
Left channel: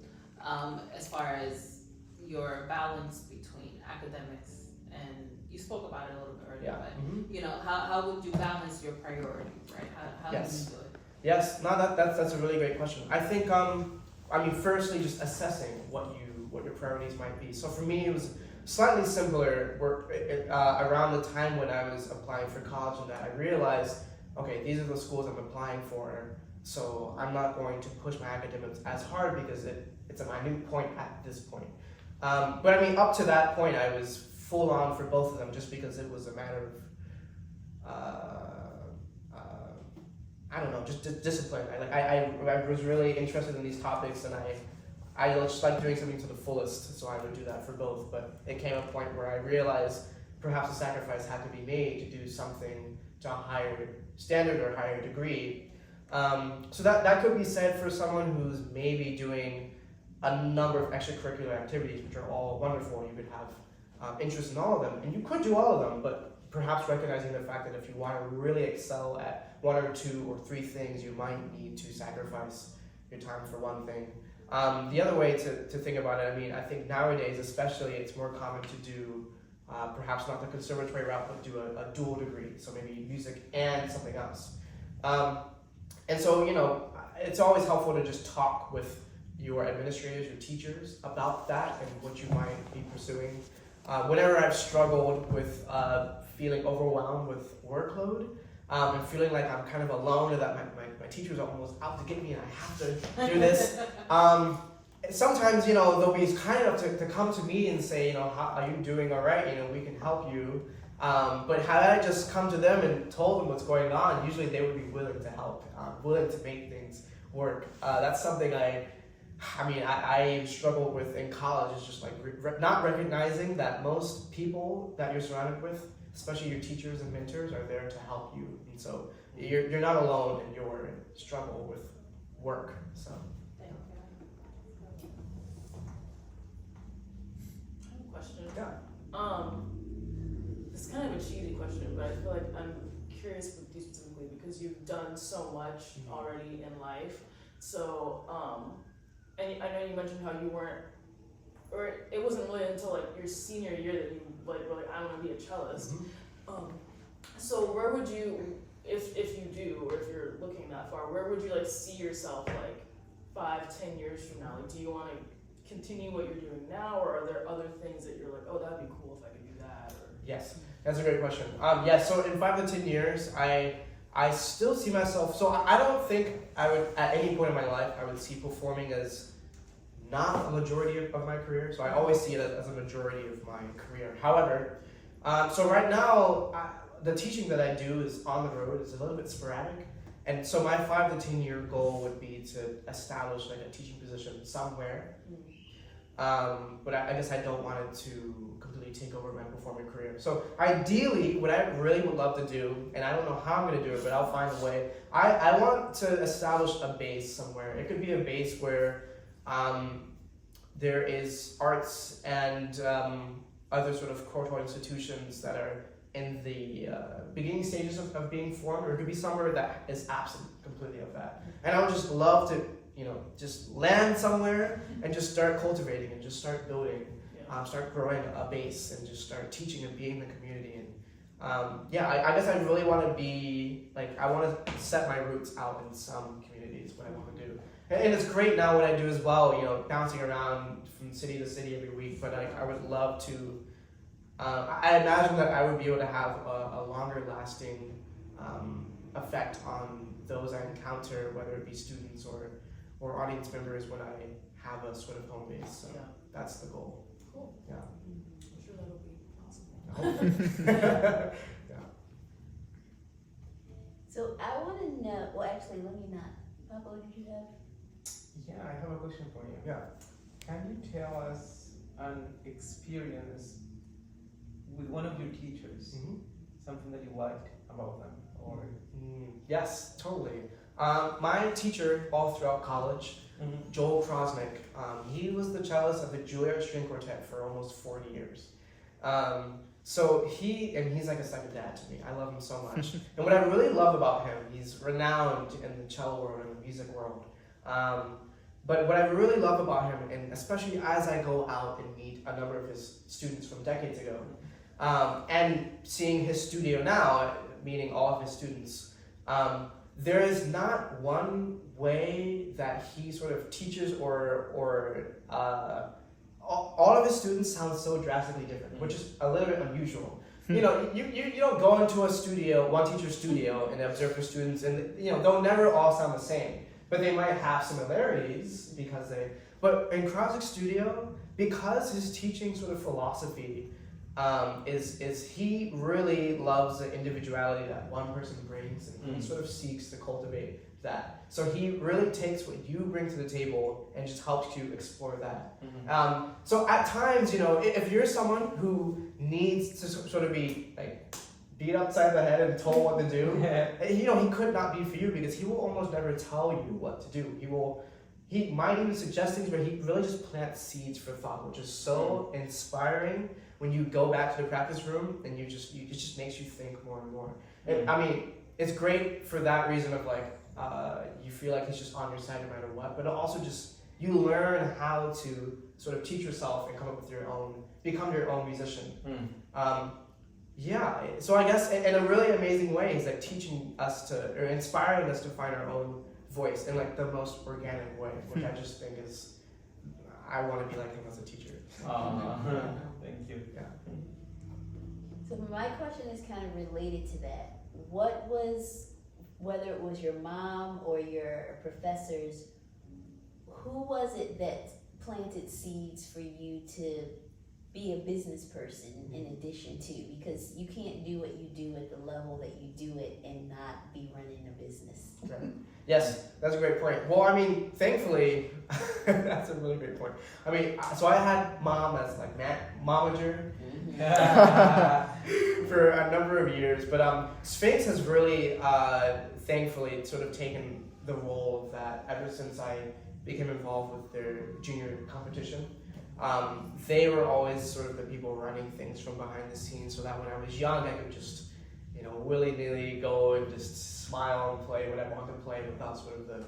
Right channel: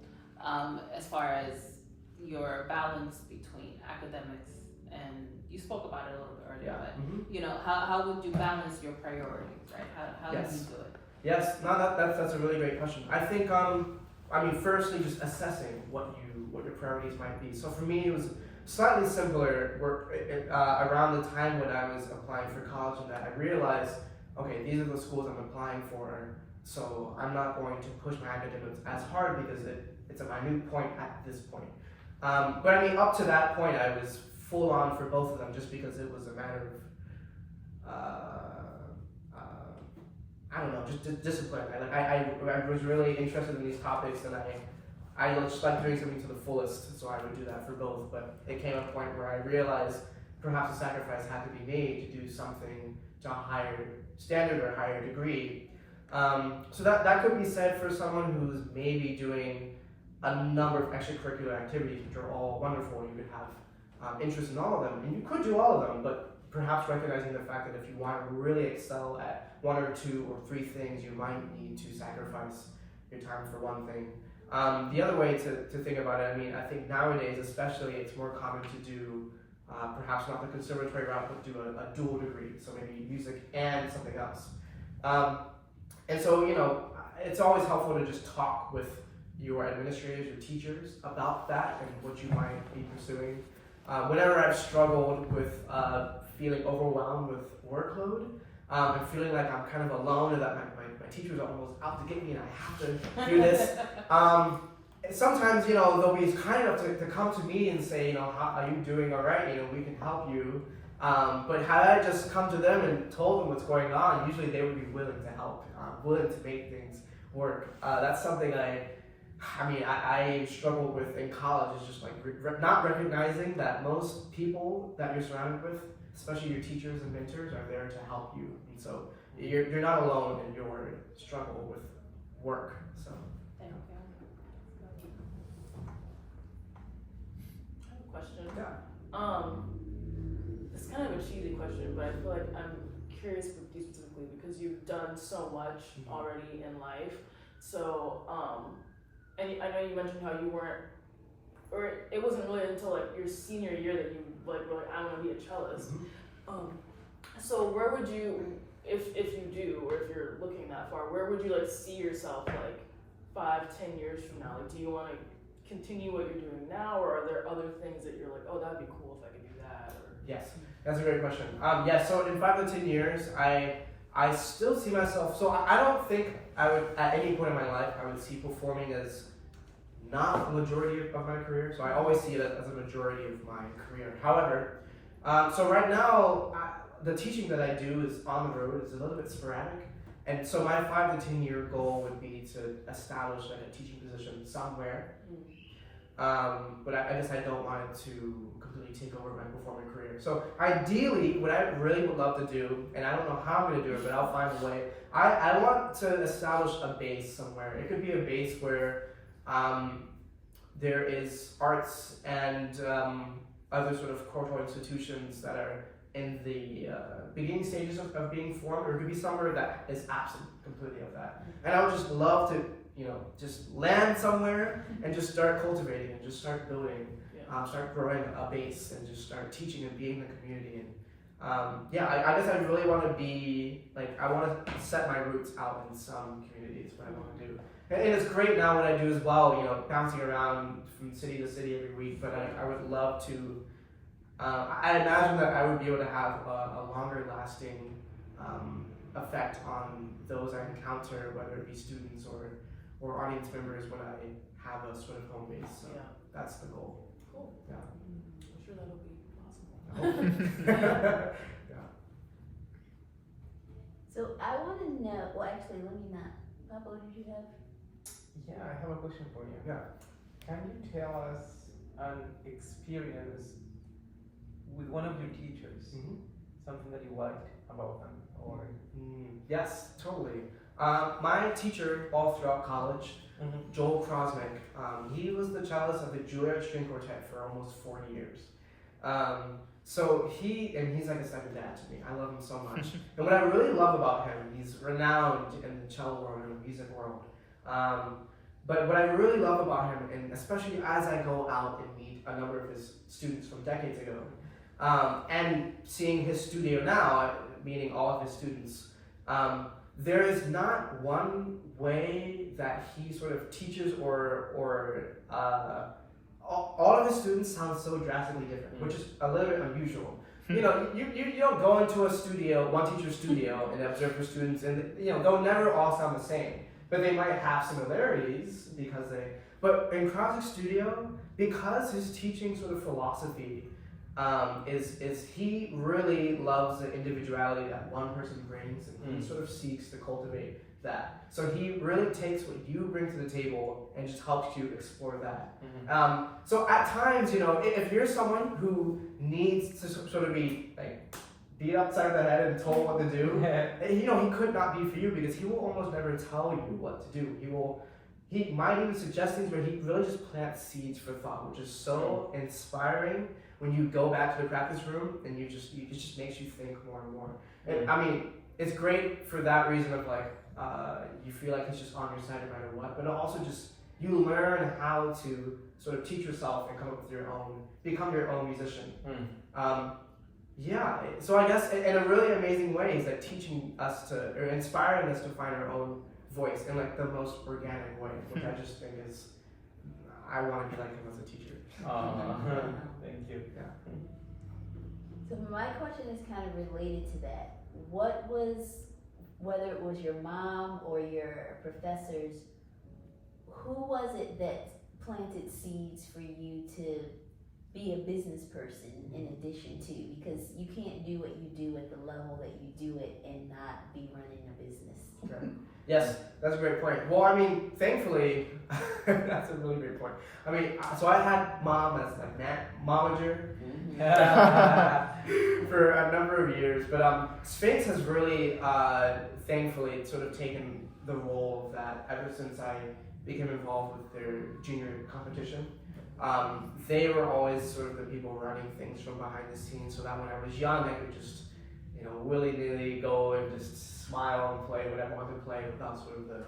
as far as your balance between academics and, you spoke about it a little bit earlier, but how would you balance your priorities, right? How Yes. do you do it? Yes, no, that's a really great question. I think firstly, just assessing what your priorities might be. So for me, it was slightly simpler. Around the time when I was applying for college, and that I realized, okay, these are the schools I'm applying for, so I'm not going to push my academics as hard because it's a minute point at this point. But I mean, up to that point, I was full on for both of them just because it was a matter of, I don't know, just discipline. I was really interested in these topics, and I just like doing something to the fullest, so I would do that for both. But it came a point where I realized perhaps a sacrifice had to be made to do something to a higher standard or higher degree. So that could be said for someone who's maybe doing a number of extracurricular activities, which are all wonderful. You could have interest in all of them, and you could do all of them, but perhaps recognizing the fact that if you want to really excel at 1 or 2 or 3 things, you might need to sacrifice your time for one thing. The other way to think about it, I think nowadays especially, it's more common to do perhaps not the conservatory route, but do a dual degree, so maybe music and something else. And so, it's always helpful to just talk with your administrators, your teachers about that and what you might be pursuing. Whenever I've struggled with feeling overwhelmed with workload, and feeling like I'm kind of alone and that my teachers are almost out to get me and I have to do this, sometimes, they'll be kind enough to come to me and say, how are you doing all right? We can help you. But had I just come to them and told them what's going on, usually they would be willing to help, willing to make things work. That's something I struggled with in college, is just like not recognizing that most people that you're surrounded with, especially your teachers and mentors, are there to help you. And so you're not alone in your struggle with work. So. Thank you. I have a question. Yeah. It's kind of a cheesy question, but I feel like I'm curious with you specifically because you've done so much already in life. So, and I know you mentioned how you weren't, or it wasn't really until like your senior year that you were like, I want to be a cellist. So where would you, if you do, or if you're looking that far, where would you like see yourself like 5-10 years from now? Like, do you want to continue what you're doing now, or are there other things that you're like, oh, that'd be cool if I could do that? Or Yes, that's a great question. So in 5 to 10 years, I still see myself, so I don't think I would, at any point in my life, I would see performing as not a majority of my career. So I always see it as a majority of my career. However, so right now, the teaching that I do is on the road, is a little bit sporadic. And so my 5 to 10 year goal would be to establish like a teaching position somewhere. But I guess I don't want it to completely take over my performing career. So ideally, what I really would love to do, and I don't know how I'm going to do it, but I'll find a way. I want to establish a base somewhere. It could be a base where there is arts and other sort of cultural institutions that are in the beginning stages of being formed, or it could be somewhere that is absent completely of that. And I would just love to, just land somewhere and just start cultivating and just start building, start growing a base and just start teaching and being in the community. And I guess I really want to be, I want to set my roots out in some communities, what I want to do. And it's great now what I do as well, bouncing around from city to city every week, but I would love to, I imagine that I would be able to have a longer lasting effect on those I encounter, whether it be students or audience members, when I have a sort of home base. So that's the goal. Cool. Yeah. I'm sure that'll be possible. Yeah. So I want to know, well actually let me not, Papa, what did you have? Yeah, I have a question for you. Yeah. Can you tell us an experience with one of your teachers, Mm-hmm. something that you liked about them, or? Yes, totally. My teacher all throughout college, Joel Krosnick, he was the cellist of the Juilliard String Quartet for almost 40 years. So he's like a second dad to me. I love him so much. And what I really love about him, he's renowned in the cello world and the music world. But what I really love about him, and especially as I go out and meet a number of his students from decades ago, and seeing his studio now, meeting all of his students, there is not one way that he sort of teaches or all of his students sound so drastically different, which is a little bit unusual. You don't go into a studio, one teacher's studio, and observe your students, and they'll never all sound the same, but they might have similarities but in Krosnick's studio, because his teaching sort of philosophy is he really loves the individuality that one person brings, and he sort of seeks to cultivate that. So he really takes what you bring to the table and just helps you explore that. So at times, if you're someone who needs to sort of be beat upside the head and told what to do, he could not be for you, because he will almost never tell you what to do. He might even suggest things, but he really just plants seeds for thought, which is so inspiring when you go back to the practice room and it just makes you think more and more. And I mean, it's great for that reason of you feel like he's just on your side no matter what, but also just you learn how to sort of teach yourself and come up with become your own musician. So I guess in a really amazing way is teaching us or inspiring us to find our own voice in the most organic way, which I just think is, I want to be like him as a teacher. Thank you. Yeah. So my question is kind of related to that. What was, whether it was your mom or your professors, who was it that planted seeds for you to be a business person in addition to? Because you can't do what you do at the level that you do it and not be running a business. Okay. Yes, that's a great point. Well, I mean, thankfully, that's a really great point. I mean, so I had mom as momager for a number of years, but Sphinx has really, thankfully, sort of taken the role of that ever since I became involved with their junior competition. They were always sort of the people running things from behind the scenes, so that when I was young, I could just, willy-nilly go and just smile and play whatever I wanted to play without sort of the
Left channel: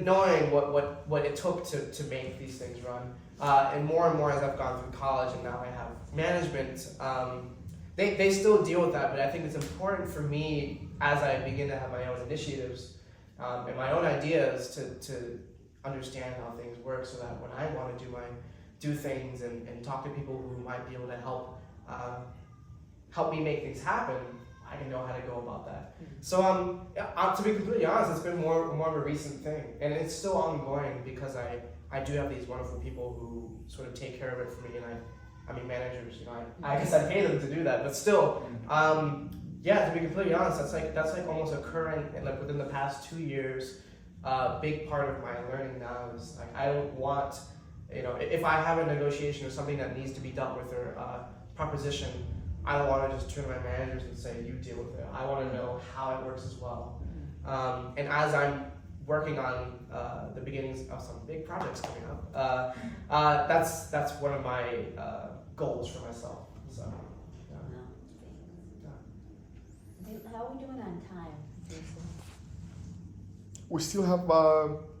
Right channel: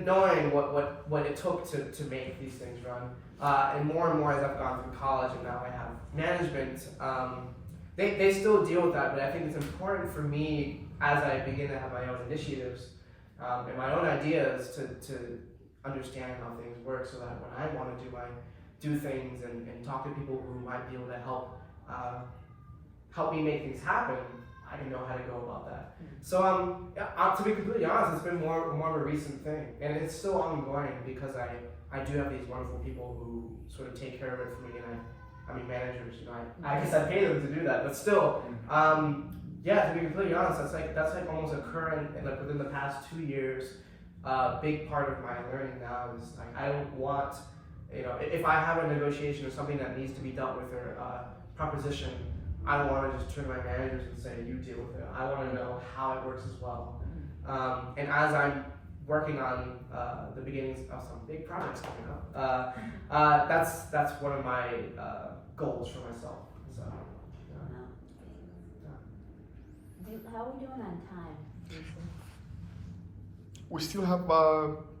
knowing what it took to make these things run. And more as I've gone through college and now I have management, they still deal with that, but I think it's important for me as I begin to have my own initiatives and my own ideas to understand how things work, so that when I want to do things and talk to people who might be able to help me make things happen, I can know how to go about that. So to be completely honest, it's been more of a recent thing, and it's still ongoing because I do have these wonderful people who sort of take care of it for me, and I mean managers, I guess I pay them to do that, but still, to be completely honest, that's like almost a current, and within the past 2 years, big part of my learning now is I don't want, if I have a negotiation or something that needs to be dealt with or proposition, I don't want to just turn to my managers and say, you deal with it. I want to know how it works as well. And as I'm working on the beginnings of some big projects coming up. That's one of my goals for myself. So, How are we doing on time, Jason? We still have,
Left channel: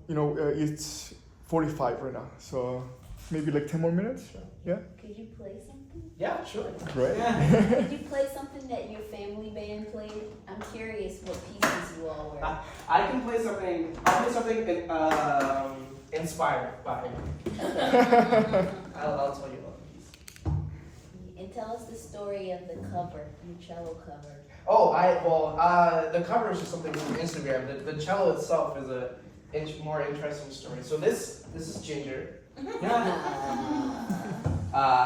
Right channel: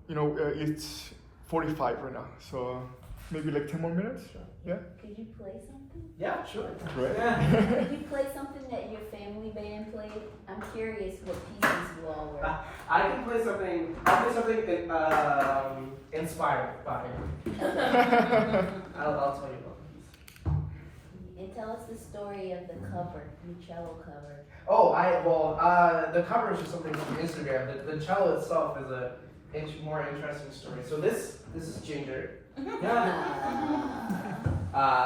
it's 45 right now, so maybe like 10 more minutes. Yeah. Could you play something? yeah, sure. Great. Could you play something that your family band played? I'm curious what pieces you all were. I can play something. I'll play something inspired by him. I'll tell you about the piece. And tell us the story of the cover, your cello cover. Oh, the cover is just something from Instagram. The cello itself is a more interesting story. So this is Ginger.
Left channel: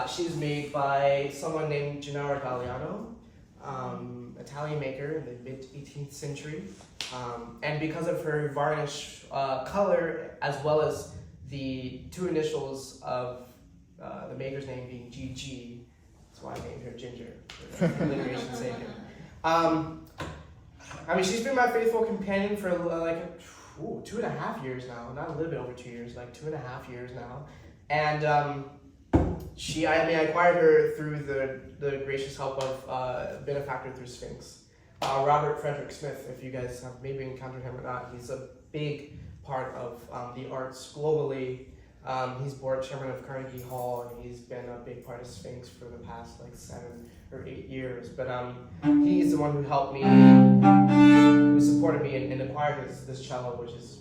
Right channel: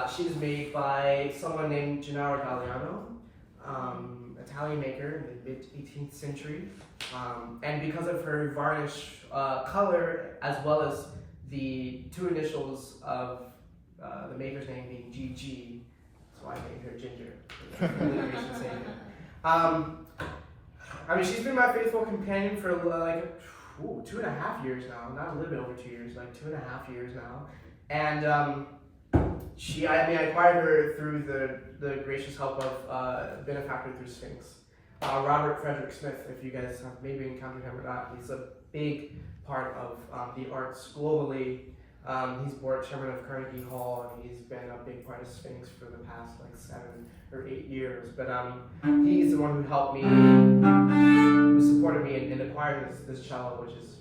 She's made by someone named Gennaro Galliano, Italian maker in the mid 18th century. And because of her varnish color, as well as the two initials of the maker's name being GG, that's why I named her Ginger. For alliteration sake. I mean, she's been my faithful companion for like 2.5 years now. Not a little bit over 2 years, like 2.5 years now. And I acquired her through the gracious help of a benefactor through Sphinx. Robert Frederick Smith, if you guys have maybe encountered him or not, he's a big part of the arts globally. He's board chairman of Carnegie Hall, and he's been a big part of Sphinx for the past like 7 or 8 years. But he's the one who helped me, who supported me in acquiring this cello, which is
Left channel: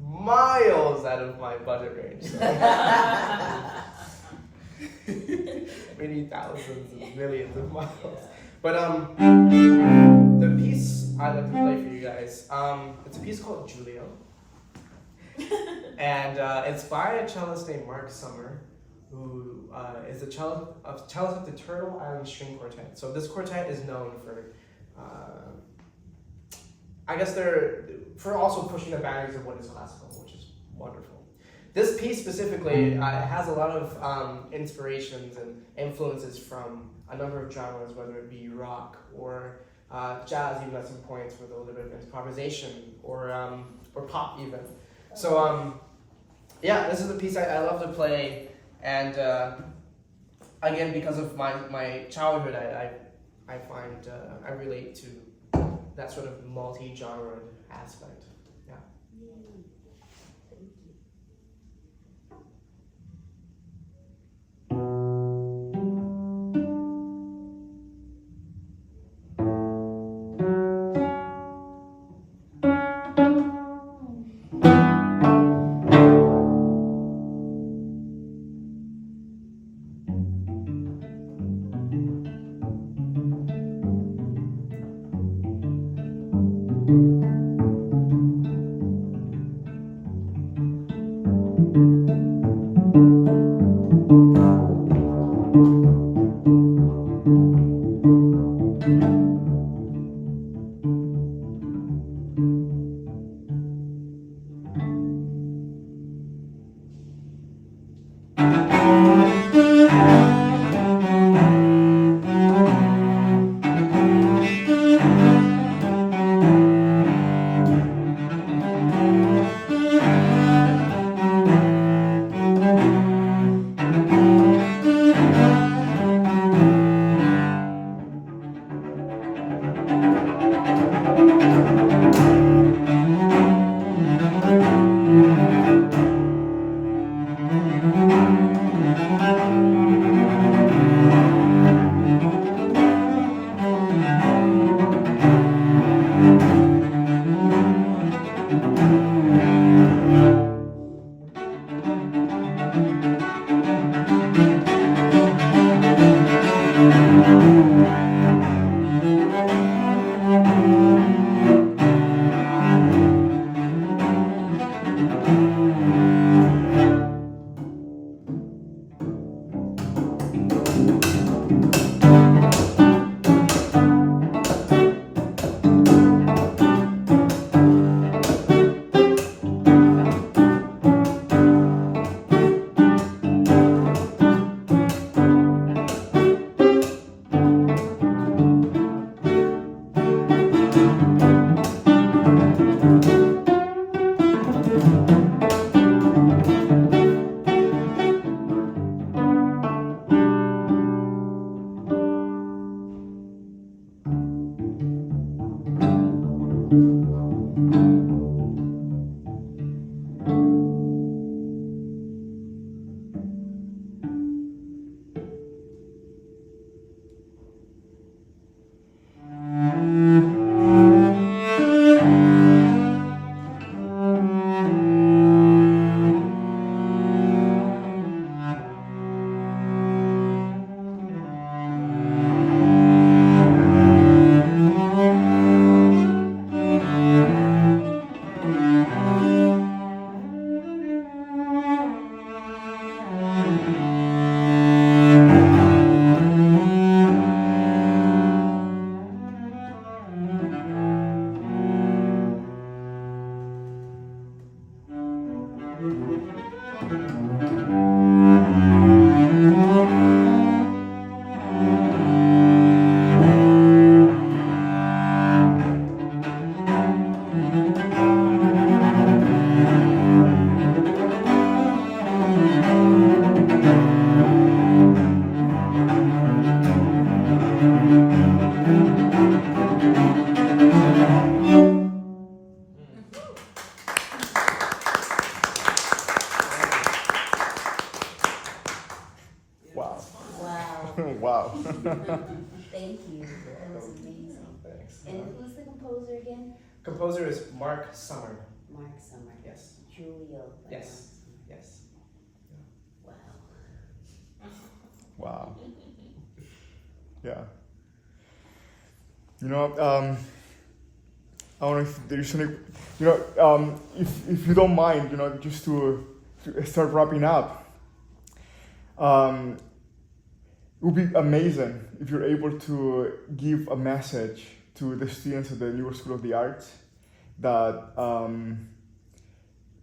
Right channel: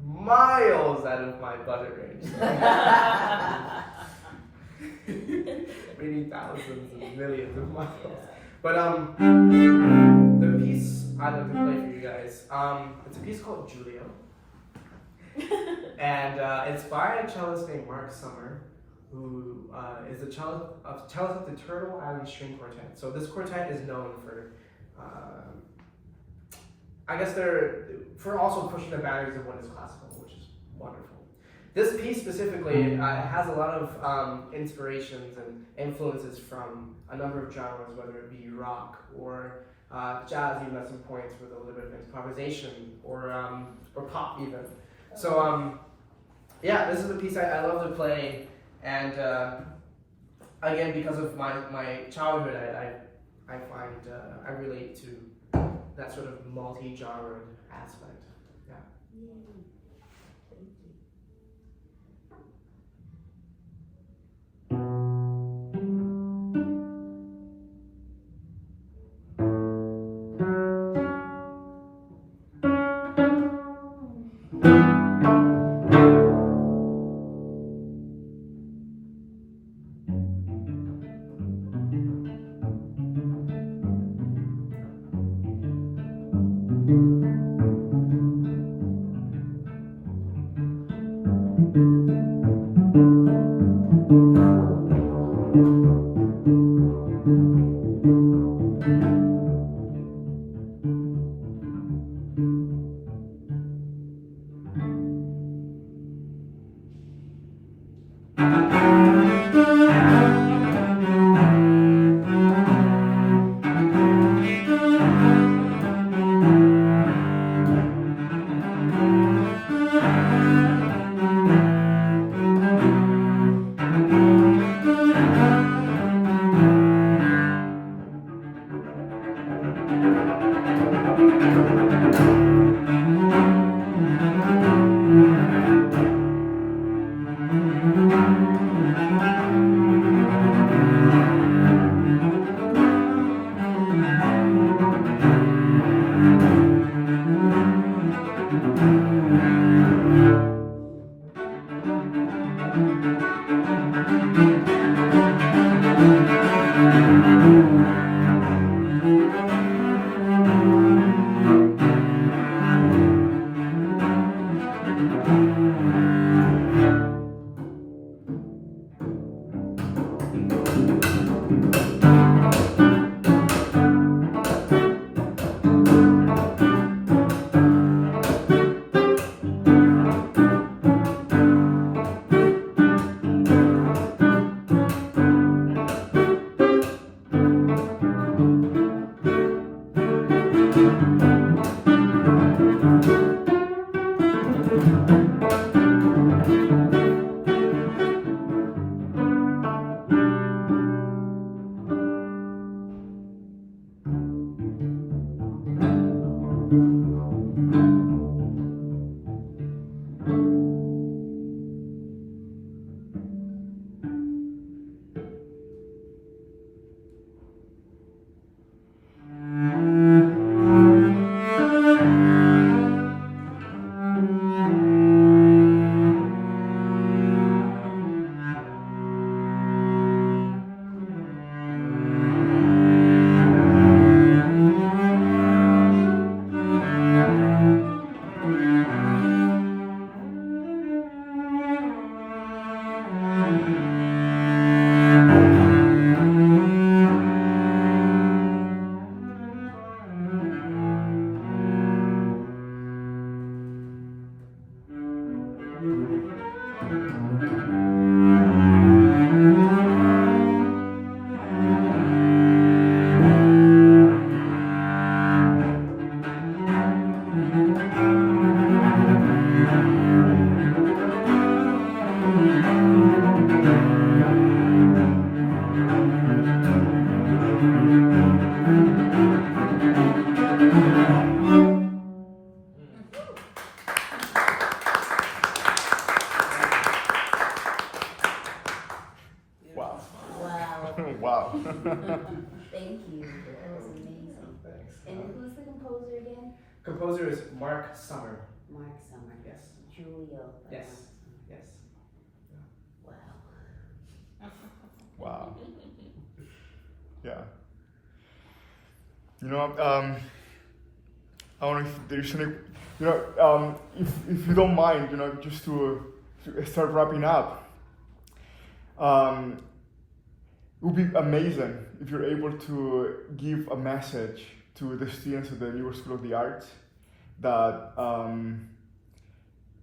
miles out of my budget range. So. Many thousands and millions of miles. But the piece I'd like to play for you guys, it's a piece called Giulio. And it's by a cellist named Mark Summer, who is a cellist of the Turtle Island String Quartet. So this quartet is known for, I guess for also pushing the boundaries of what is classical, which is wonderful. This piece specifically has a lot of inspirations and influences from a number of genres, whether it be rock or jazz, even at some points with a little bit of improvisation, or pop even. So yeah, this is a piece I love to play, and again, because of my childhood, I find I relate to that sort of multi-genre aspect. Yeah. Yay. Thank you. Wow. Thank you. That was amazing. Thanks. And who's the composer again? Composer is Mark Summer. Mark Summer. Yes. Julio. by Yes. Mark Yes. Summer. Wow. Wow. Yeah. You know, I don't know if there's any, you know, if you don't mind, you know, just to start wrapping up, it would be amazing if you're able to give a message to the students of the New York School of the Arts that,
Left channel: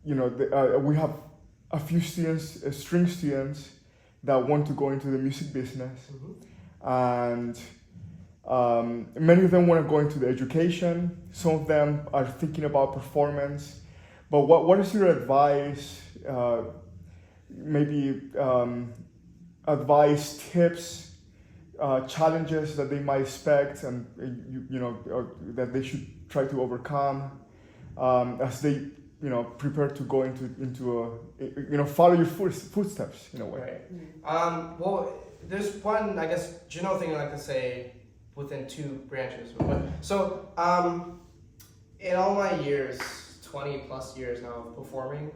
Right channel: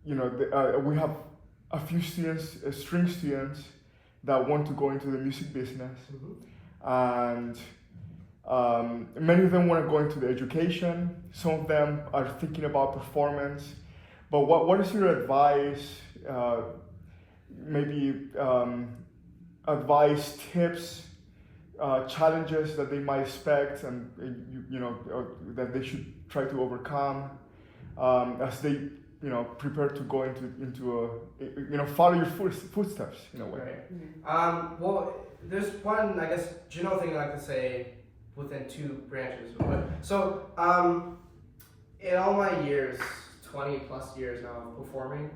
you know, we have a few students, string students, that want to go into the music business, and many of them want to go into the education. Some of them are thinking about performance. But what is your advice? Maybe advice, tips, challenges that they might expect, and you know that they should try to overcome as they prepare to go into follow your footsteps in a way. Right. Well, there's one, I guess, general thing I like to say within two branches. So, in all my years, 20 plus years now of performing,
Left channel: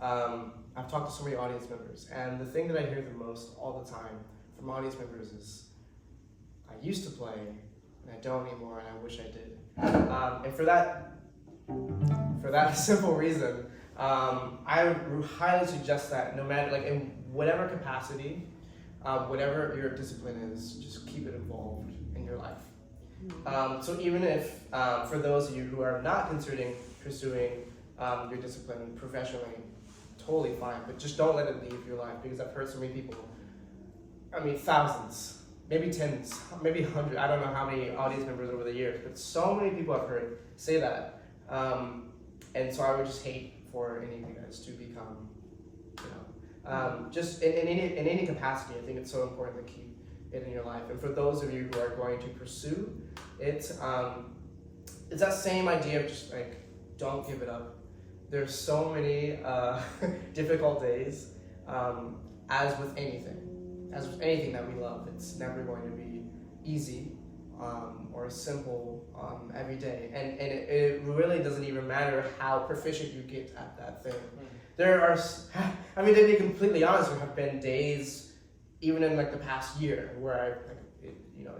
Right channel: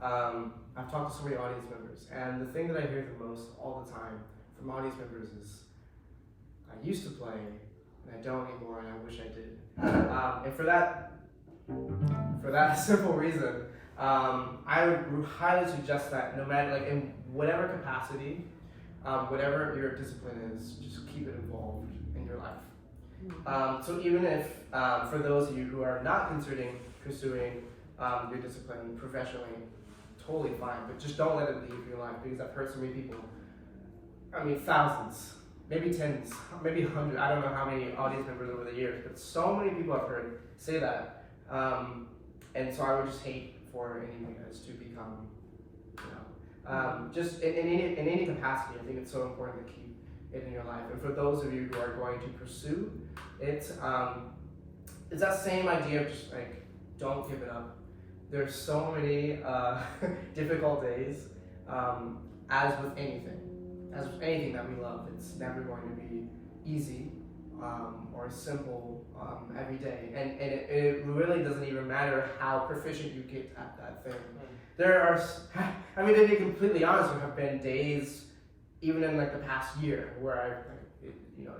I've talked to so many audience members, and the thing that I hear the most all the time from audience members is, I used to play, and I don't anymore, and I wish I did. And for that simple reason, I would highly suggest that no matter, like, in whatever capacity, whatever your discipline is, just keep it involved in your life. So even if, for those of you who are not considering pursuing your discipline professionally, totally fine, but just don't let it leave your life, because I've heard so many people, I mean thousands, maybe tens, maybe 100, I don't know how many audience members over the years, but so many people I've heard say that. And so I would just hate for any of you guys to become, just in any capacity. I think it's so important to keep it in your life. And for those of you who are going to pursue it, it's that same idea of just like, don't give it up. There's so many difficult days, as with anything that we love. It's never going to be easy or simple every day, and it really doesn't even matter how proficient you get at that thing. There are, I mean, to be completely honest, there have been days, even in like the past year, where I,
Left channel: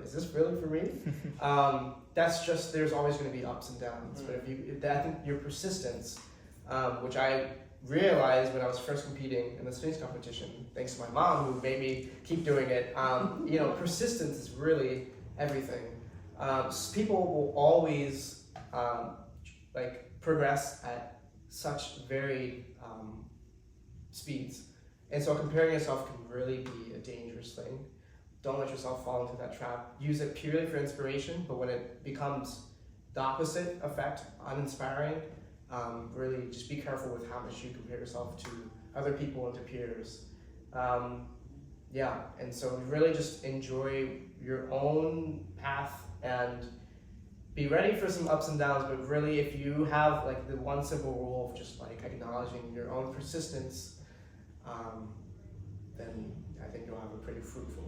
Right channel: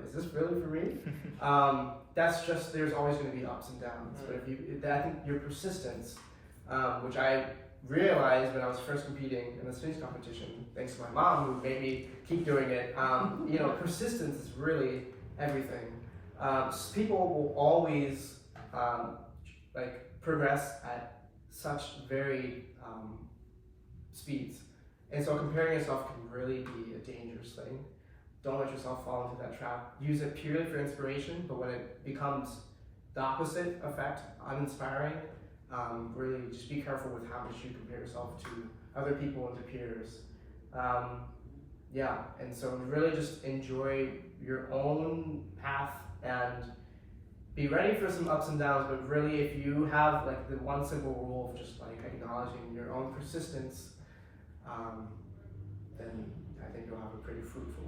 is this really for me? That's just, there's always going to be ups and downs. But I think your persistence, which I realized when I was first competing in the strings competition, thanks to my mom who made me keep doing it. Persistence is really everything. People will always progress at such varied speeds, and so comparing yourself can really be a dangerous thing. Don't let yourself fall into that trap. Use it purely for inspiration, but when it becomes the opposite effect, uninspiring, really just be careful with how much you compare yourself to other people and to peers. And so really just enjoy your own path and be ready for some ups and downs, but really if you have like the one simple rule of just like acknowledging your own persistence, then I think you'll have a pretty fruitful